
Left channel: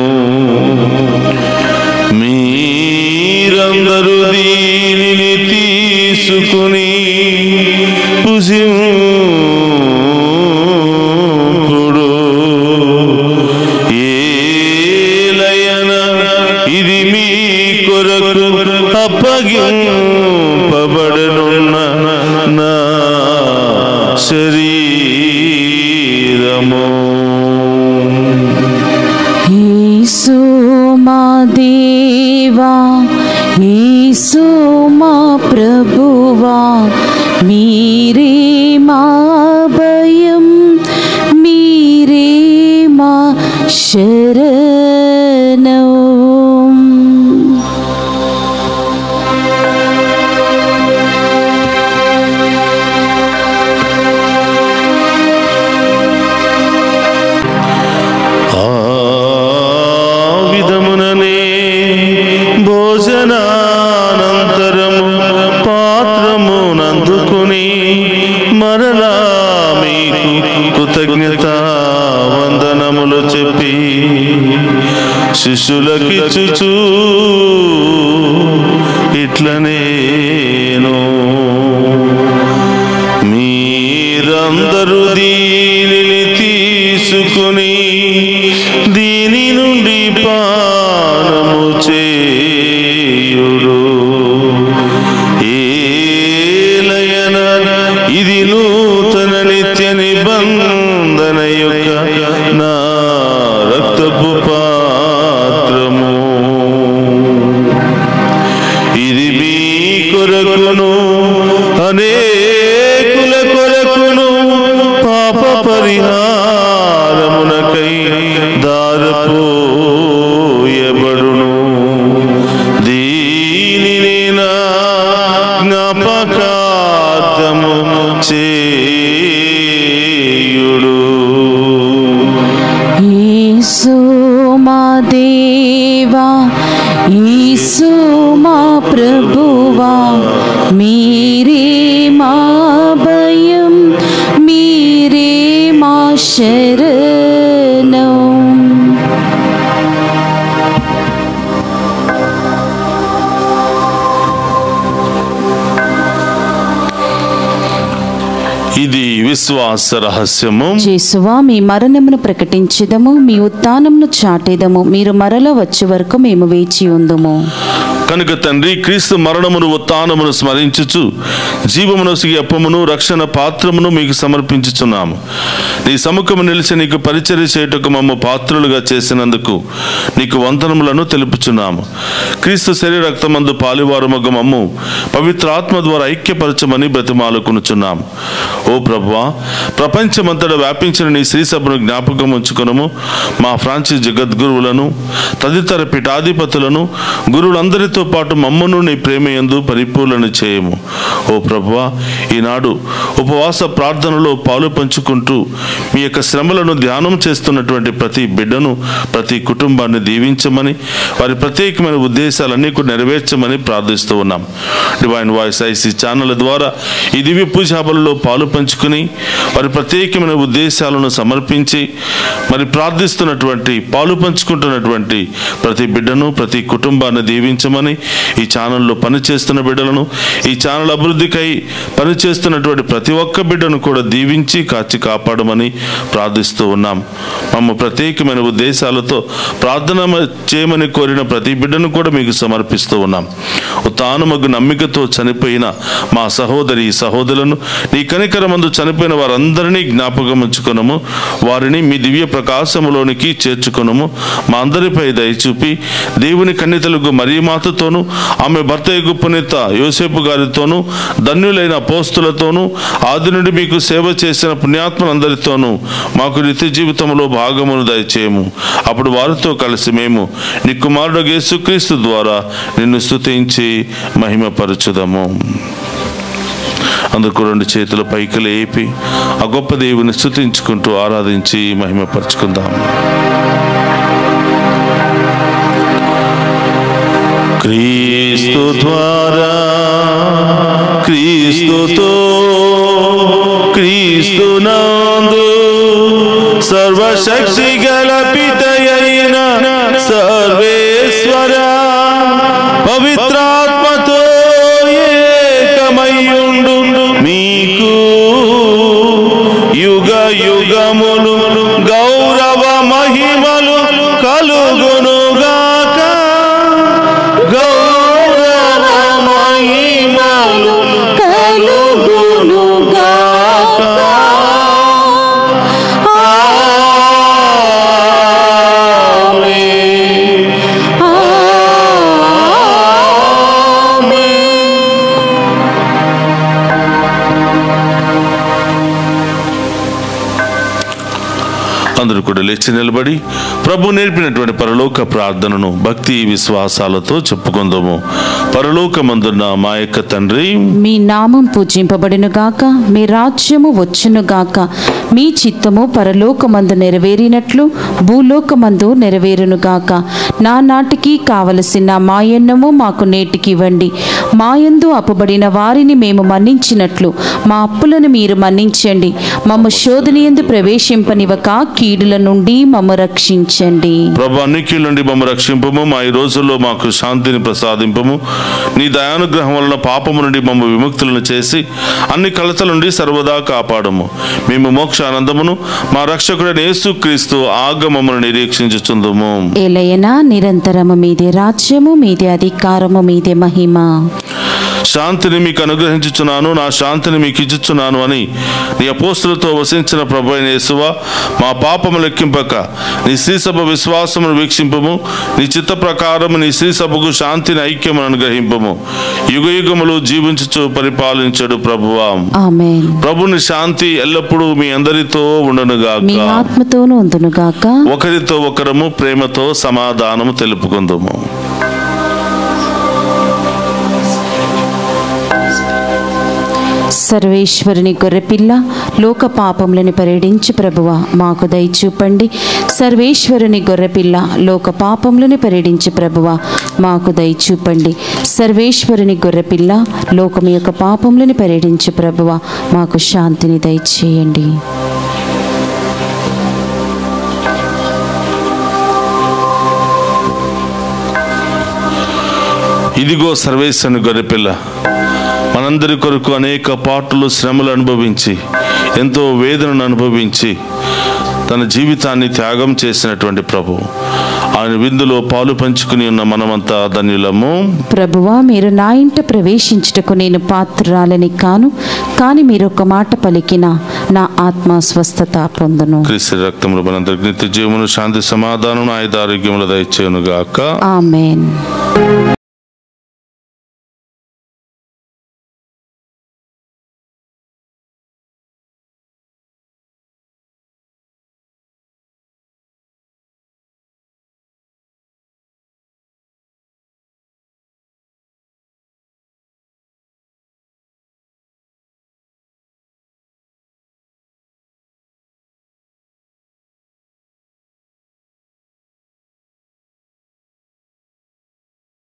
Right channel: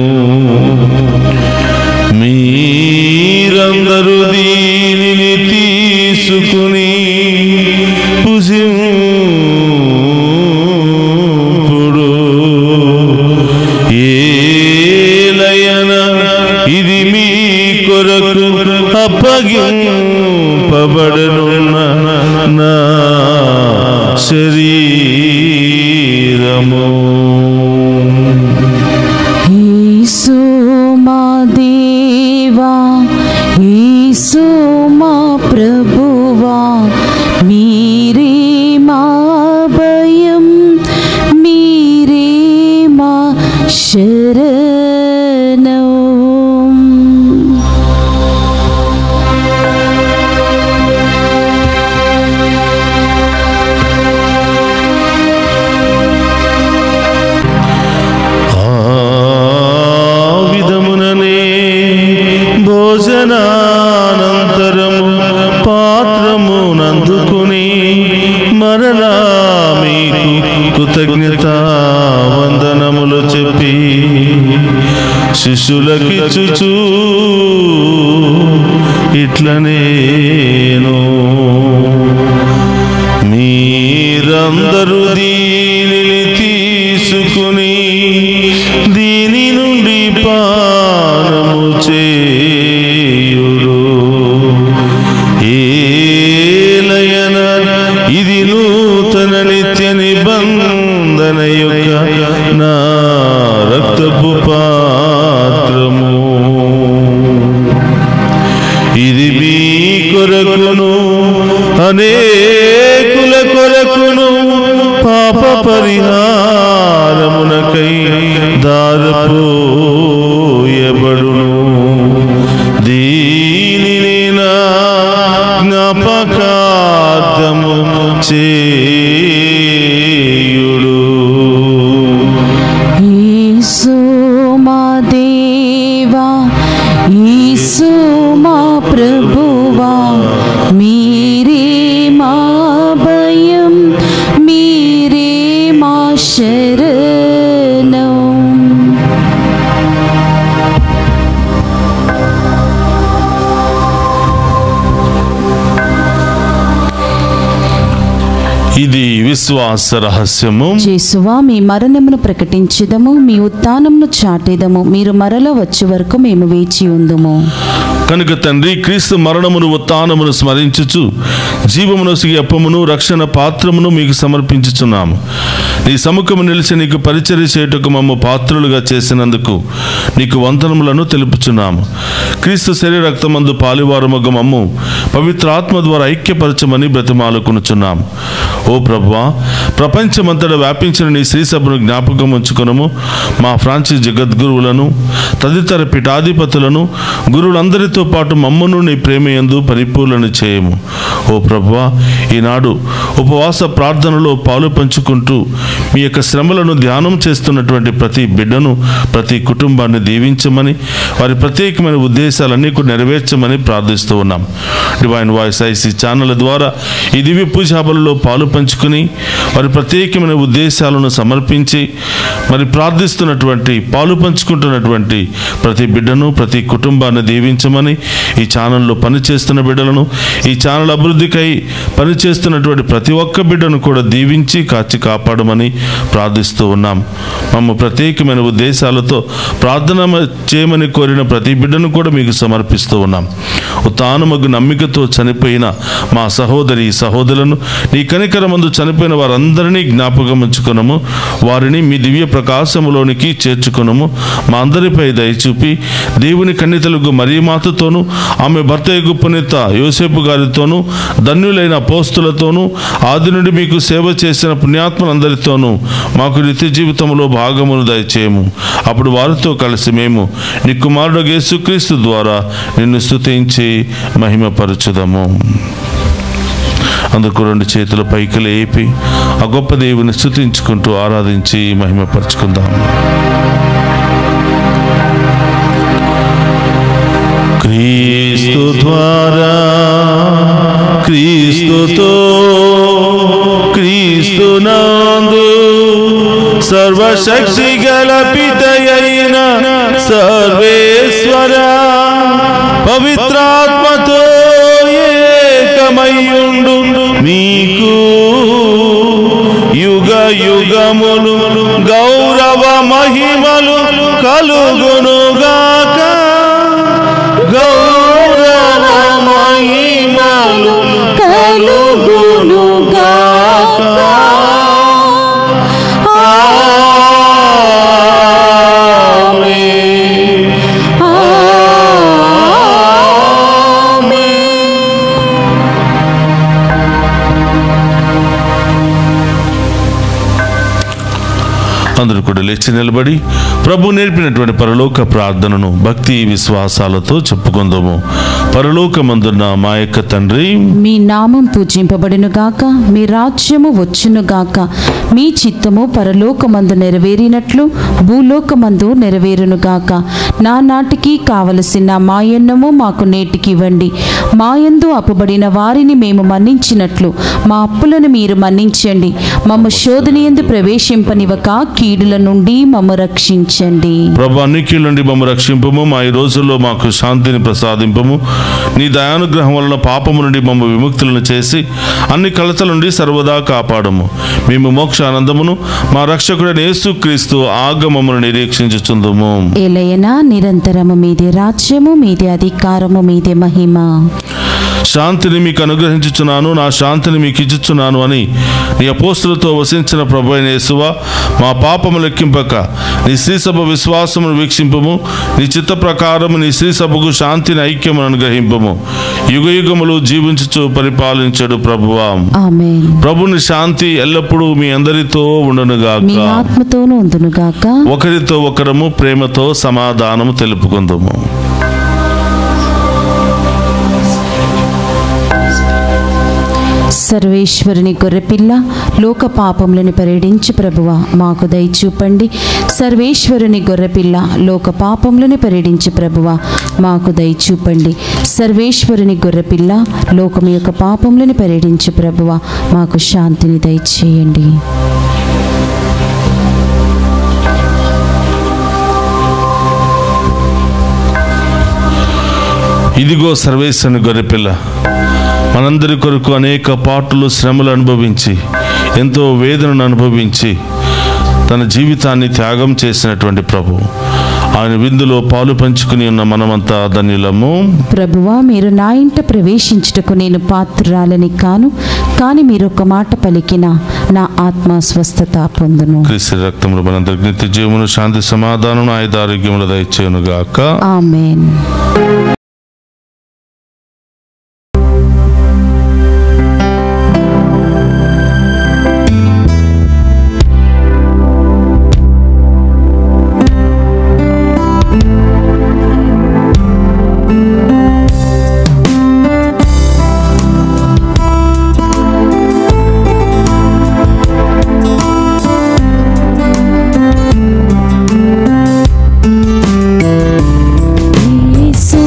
మీరందరూ దీనిని తీసుకుని పుజింపుడు. ఏలయన ఇది మీ కొరకు అప్పగింపబడనున్న నా శరీరము. యేసు మా దేవా, యేసు మా ప్రభువా, మీరే మా భయం, మీరే మా శరణం. భోజనానంతరము పాత్రమునందుకుని మరలా మీకు కృతజ్ఞత వందనములు చెప్పి శిష్యులకిచ్చుచు ఇట్లనేను, మీరందరూ దీనిని తీసుకుని దీని నుండి పానము చేయుడు. ఏలయన ఇది నూతన నిత్య నిబంధన యొక్క నా రక్తపు పాత్రము. ఇది మీ కొరకును అనేకుల కొరకును పాప పరిహారమునకై దారపోయబడును. దీనిని నా జ్ఞాపకార్థము చేయుడు. యేసు మా దేవా, యేసు మా ప్రభువా, మీరే మా భయం, మీరే మా శరణం. ఇది విశ్వాస రహస్యము. యేసువా, మీ మరణమును ప్రకటించెదము, మీ ఉత్థానమును చాటెదము, మీరు మరల వచ్చే వరకు మేము వేచి ఉందుము. కనుక తండ్రి, క్రీస్తు మరణమును ఉత్థానమును స్మరించుచు జీవమునొసగి అప్పమును రక్షణ పాత్రమును మీకు సమర్పించుచున్నాము. నీ సముఖము నిలిచి నీకు పరిచర్య చేయుటకు మమ్ము పాత్రులుగా చేసినందుకు నీకు వందనములను తెలుపుచున్నాము. క్రీస్తు శరీర రక్తమందు పాలివారమగు మమ్ము పవిత్ర ఆత్మ ద్వారా ఐక్యపరచమని బ్రతిమాలుకొనుచున్నాము. ఓ ప్రభువా, ప్రపంచమంతటా వ్యాపించిన నీ శ్రీ సభను జ్ఞాపకం ఉంచుకొనుము. మా ఫ్రాన్సిస్ జగద్గురువులను తదితర పీఠాధిపతులను గురువులందరితో పాటు మమ్మను నీ ప్రేమయందు పరిపూర్ణ చేయము. ఓ ప్రభువా, ఈనాడు ఉపవాస ప్రార్థనలో పాలు పంచుకుంటూ మీ యొక్క శ్రమలను ధ్యానం చేస్తున్నటువంటి ప్రతి బిడ్డను, ప్రతి కుటుంబాన్ని దీవించమని, వారి ప్రత్యేకమైన ఉద్దేశాలన్నీ కూడా నెరవేర్చమని ప్రార్థిస్తూ ఉన్నాం. డివైన్ వాయిస్ ఐసీ ఛానల్ ద్వారా ఈ దివ్య పూజాబలలో పాలు పంచుకుని వారి ప్రత్యేకమైన ఉద్దేశాలను సమర్పించి మరి ప్రార్థిస్తున్నటువంటి, పాలు పంచుకుంటున్నటువంటి ప్రతి బిడ్డను, ప్రతి కుటుంబాన్ని దీవించమని, ఈ ఛానల్లో పనిచేస్తున్న బిడ్డలను, ఈ ఛానల్ అభివృద్ధికై పనిచేస్తున్నటువంటి ప్రతి ఒక్క బిడ్డను కూడా దీవించి కాచి కాపాడమని ప్రార్థిస్తూ ఉన్నాం. మమ్మ ప్రత్యేకమైన ఉద్దేశాలతో ప్రార్థన చేయమని కోరిన ప్రతి బిడ్డను కూడా మీకు సమర్పిస్తూ ఉన్నాం. ఉత్థానమగు నమ్మికతో చనిపోయిన మా సహోదరి సహోదరులను, నీ కనికరమందు చనిపోయిన వారందరినీ జ్ఞాపకం ఉంచుకొనము. వారిని మీ దివ్య ప్రకాశములోనికి చేర్చుకొనము. మా అందరిపై దయచూపి దేవుని కన్యతలకు మరియమాతతోనూ, ఆమె భర్త యగు పునీత యోసేపు గారితోనూ, ధన్యులైన అపోస్తులతోనూ, ఆది నుండి మీకు సేవ చేసిన పుణ్యాత్మలందరితోనూ మాకు నిత్య జీవితంలో భాగమును దయచేయము. అప్పుడు వారితో కలిసి మేము నీ కుమారుడు యేసుక్రీస్తు ద్వారా నిన్ను స్తుతించి మహిమపరచుదము. అందుకు రెండు చేతుల పైకి లేపి ఆ గొప్ప దేవుని స్తుతించుకుంటూ ఆరాధించి మహిమపరచుకుందాం. క్రీస్తు ద్వారా, క్రీస్తుతో, క్రీస్తునందు సర్వశక్తి గల పితయైన సర్వేశ్వర పవిత్రాత్మతో ఏకమై యుగములు గౌరవ మహిమలు కలుగునుగాక. గౌరవ మహిమలు కలుగునుగాక. అందరూ కూడా లేచి నిలబడి ప్రభు నేర్పినటువంటి పరలోక ప్రార్థనను భక్తి విశ్వాసాలతో చెప్పుకుందాము. పరలోకమందున్న మా యొక్క తండ్రి, మీ నామం పూజింపబడును గాక, మీ రాజ్యము వచ్చును గాక, మీ చిత్తము పరలోకమందు నెరవేరినట్లు భూలోకమందు నెరవేరును గాక. నానాటికి కావలసిన మాయన్నము మాకు నేటికి ఇవ్వండి. మాయందు అప్పుబడిన వారిని మేము మన్నించినట్లు మా అప్పులను మీరు మన్నించండి. మమ్ము శోధనయందు ప్రవేశింపనివ్వక కీడుల నుండి మమ్ము రక్షించండి. ప్రభు అన్ని కీడుల నుండి మమ్ము రక్షింపము. మా ఈ రోజుల్లో మాకు శాంతిని ప్రసాదింపము. నీ దయానుగ్రహం వలన పాపము నుండి మమ్ము విముక్తులను చేసి అన్ని కలతల నుండి సర్వదా కాపాడము. మేము మోక్ష ఆనందమును మా రక్షకుడైన యేసుక్రీస్తు ఆగమమును నిరీక్షించుచుందుము. ఏలయనా నిరంతరము మీదే రాజ్యము, మీదే అధికారము, మీదే మహిమ. శాంతిని మీకు అనుగ్రహించుచున్నాను, నా శాంతిని మీకు ఇచ్చుచున్నాను అని నీ అపోస్తులతో వసించిన ప్రభు అయిన యేసువా, మా పాపము లెక్కింపక నీ శ్రీసభ విశ్వాసమును వీక్షింపము. నీ చిత్త ప్రకారము నీ శ్రీసభకు శాంతిని ఐక్యమును అనుగ్రహింపము. యుగ యుగములు జీవించుచు పరిపాలించడు ప్రభువా. ఆమేన్. ప్రభుని శాంతి ఎల్లప్పుడూ మీ అందరితో ఉండునుగాక. మీ ఆత్మతోనూ ఉండునుగాక. ఒకరితో ఒకరము ప్రేమతో సమాధానము తెలుపుకుందాము. సర్వేశ్వరుని గొర్రెపిల్ల, లోక పాపములను పరిడించు ప్రభువా, మాకు దయ చూపండి. సర్వేశ్వరుని గొర్రెపిల్ల, లోక పాపములను పరిడించు ప్రభువా, మాకు దయ చూపండి. సర్వేశ్వరుని గొర్రెపిల్ల, లోకం యొక్క పాపములను పరిడించు ప్రభువా, మాకు శాంతిని దయచేయండి. ఇదిగో సర్వేశ్వరుని గొర్రెపిల్ల, మనందరి కొరకు అనేక పాటులు శ్రమలు అనుభవించి ఎంతో వేదనను అనుభవించి తన జీవితాన్ని త్యాగం చేసినటువంటి ప్రభు, ఆయన విందులో పాలు పంచుకుని ఉన్న మనమంతా ధన్యులము. ప్రభువా, మీరు నా ఇంట ప్రవేశించుటకు నేను పాత్రురాలని కాను, కానీ మీరు ఒక మాట పలికిన నా ఆత్మ స్వస్థత పొందును. క్రీస్తు రక్తములు మనందరికి నిత్య జీవమును, శాంతి సమాధానం, ఆయుధ ఆరోగ్యములు దయచేయును గాక. ఆమేన్. యేసు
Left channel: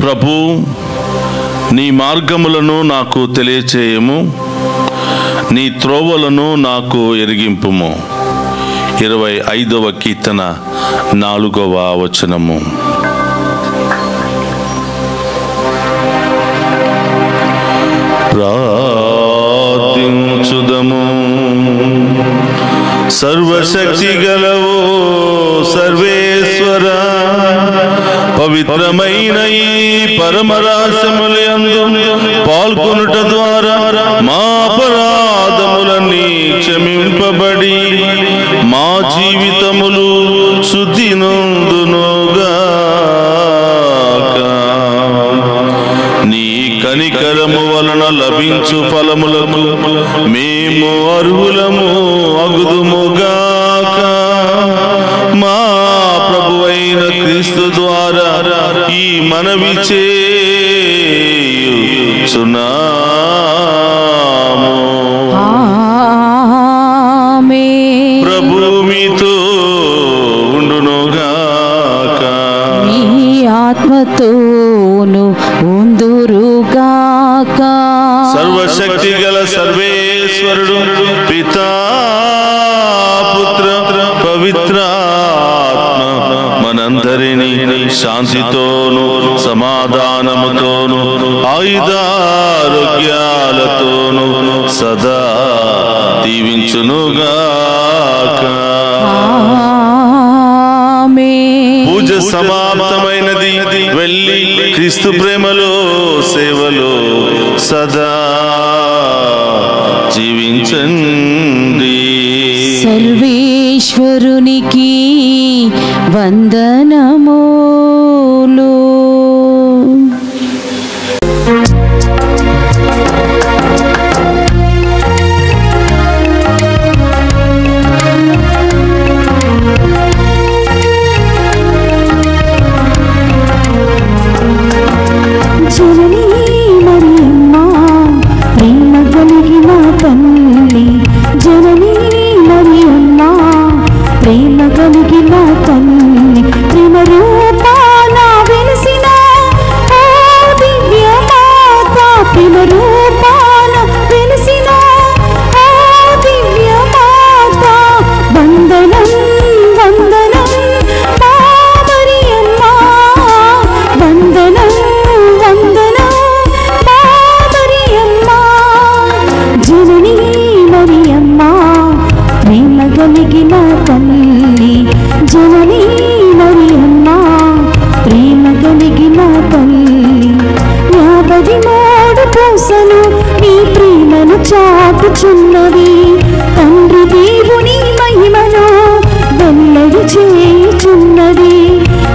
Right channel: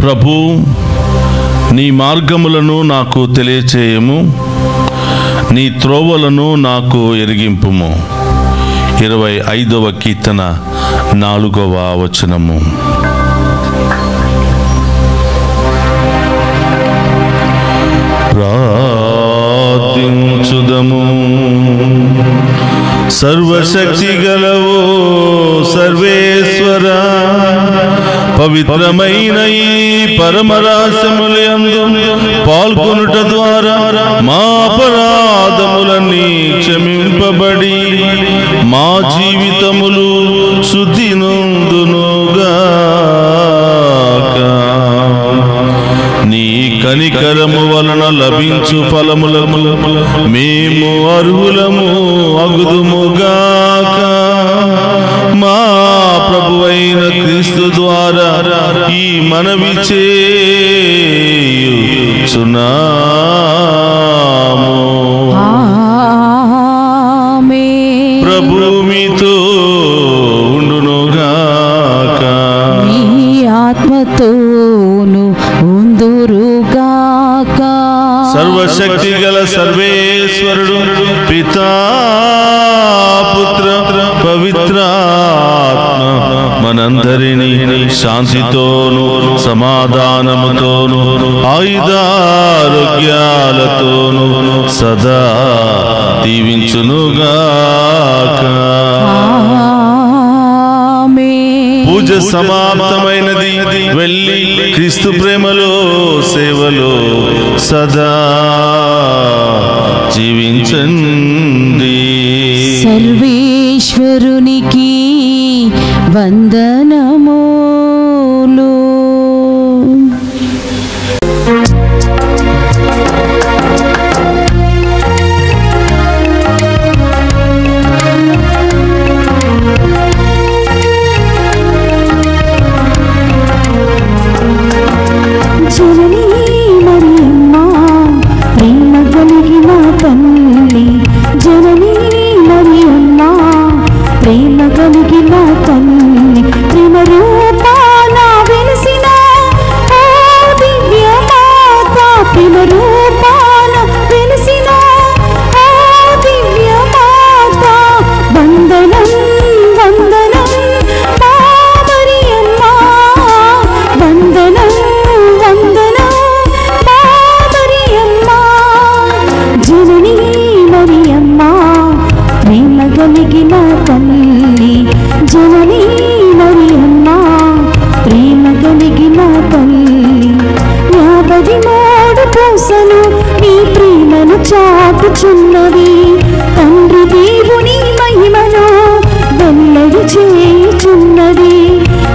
ప్రభు, నీ మార్గములను నాకు తెలియచేయము, నీ త్రోవలను నాకు ఎరిగింపుము. 25వ కీర్తన 4వ వచనము. ప్రార్థించుదము. సర్వశక్తి గలవో సర్వేశ్వర, పవిత్రమైన ఈ పరమరాసములందు పాల్గొనుట ద్వారా మా అపరాధములన్నీ క్షమింపబడి మా జీవితములు శుద్ధి నొందునుగాక. నీ కనికరము వలన లభించు ఫలములకు మేము అర్హులము అగుదుముగాక. మా ప్రభువైన క్రీస్తు ద్వారా ఈ మనవి చేయుచున్నాము. ఆమేన్. ప్రభు మీతో ఉండునుగాక. మీ ఆత్మతోను ఉందురుగాక. సర్వశక్తి గల సర్వేశ్వరుడు పితా పుత్ర పవిత్రాత్మ మనందరినీ శాంతితోను సమాధానముతోను ఆయుధారోగ్యాలతోను సదా దీవించునుగాక. పూజ సమాప్తమైనది. వెళ్ళి క్రీస్తు ప్రేమలో సేవలో సదా జీవించండి. సర్వేశ్వరునికి వందనములు. జననీ మరియమ్మ ప్రేమ కలిగిన తల్లి, జననీ మరియమ్మ ప్రేమ కలిగిన తల్లి, ప్రేమ రూపాన వెలిసిన ఓ దివ్య మాత, ప్రేమ రూపాన వెలిసిన ఓ దివ్య మాత, వందనం వందనం మా మరియమ్మ, వందనం వందనం మా మరియమ్మ. జననీ మరియమ్మ ప్రేమ కలిగిన తల్లి, జననీ మరియమ్మ ప్రేమ కలిగిన తల్లి. 53 పూసలు నీ ప్రేమను చాటుచున్నవి, తండ్రి దేవుని మహిమను వెల్లడి చేయుచున్నది.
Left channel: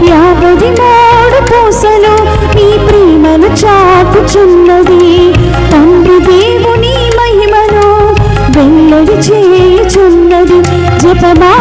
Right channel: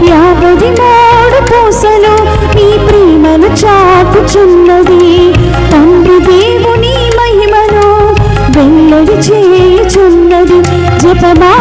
53 పూసలు నీ ప్రేమను చాటుచున్నది, తండ్రి దేవుని మహిమను వెల్లడి చేయుచున్నది. జపమా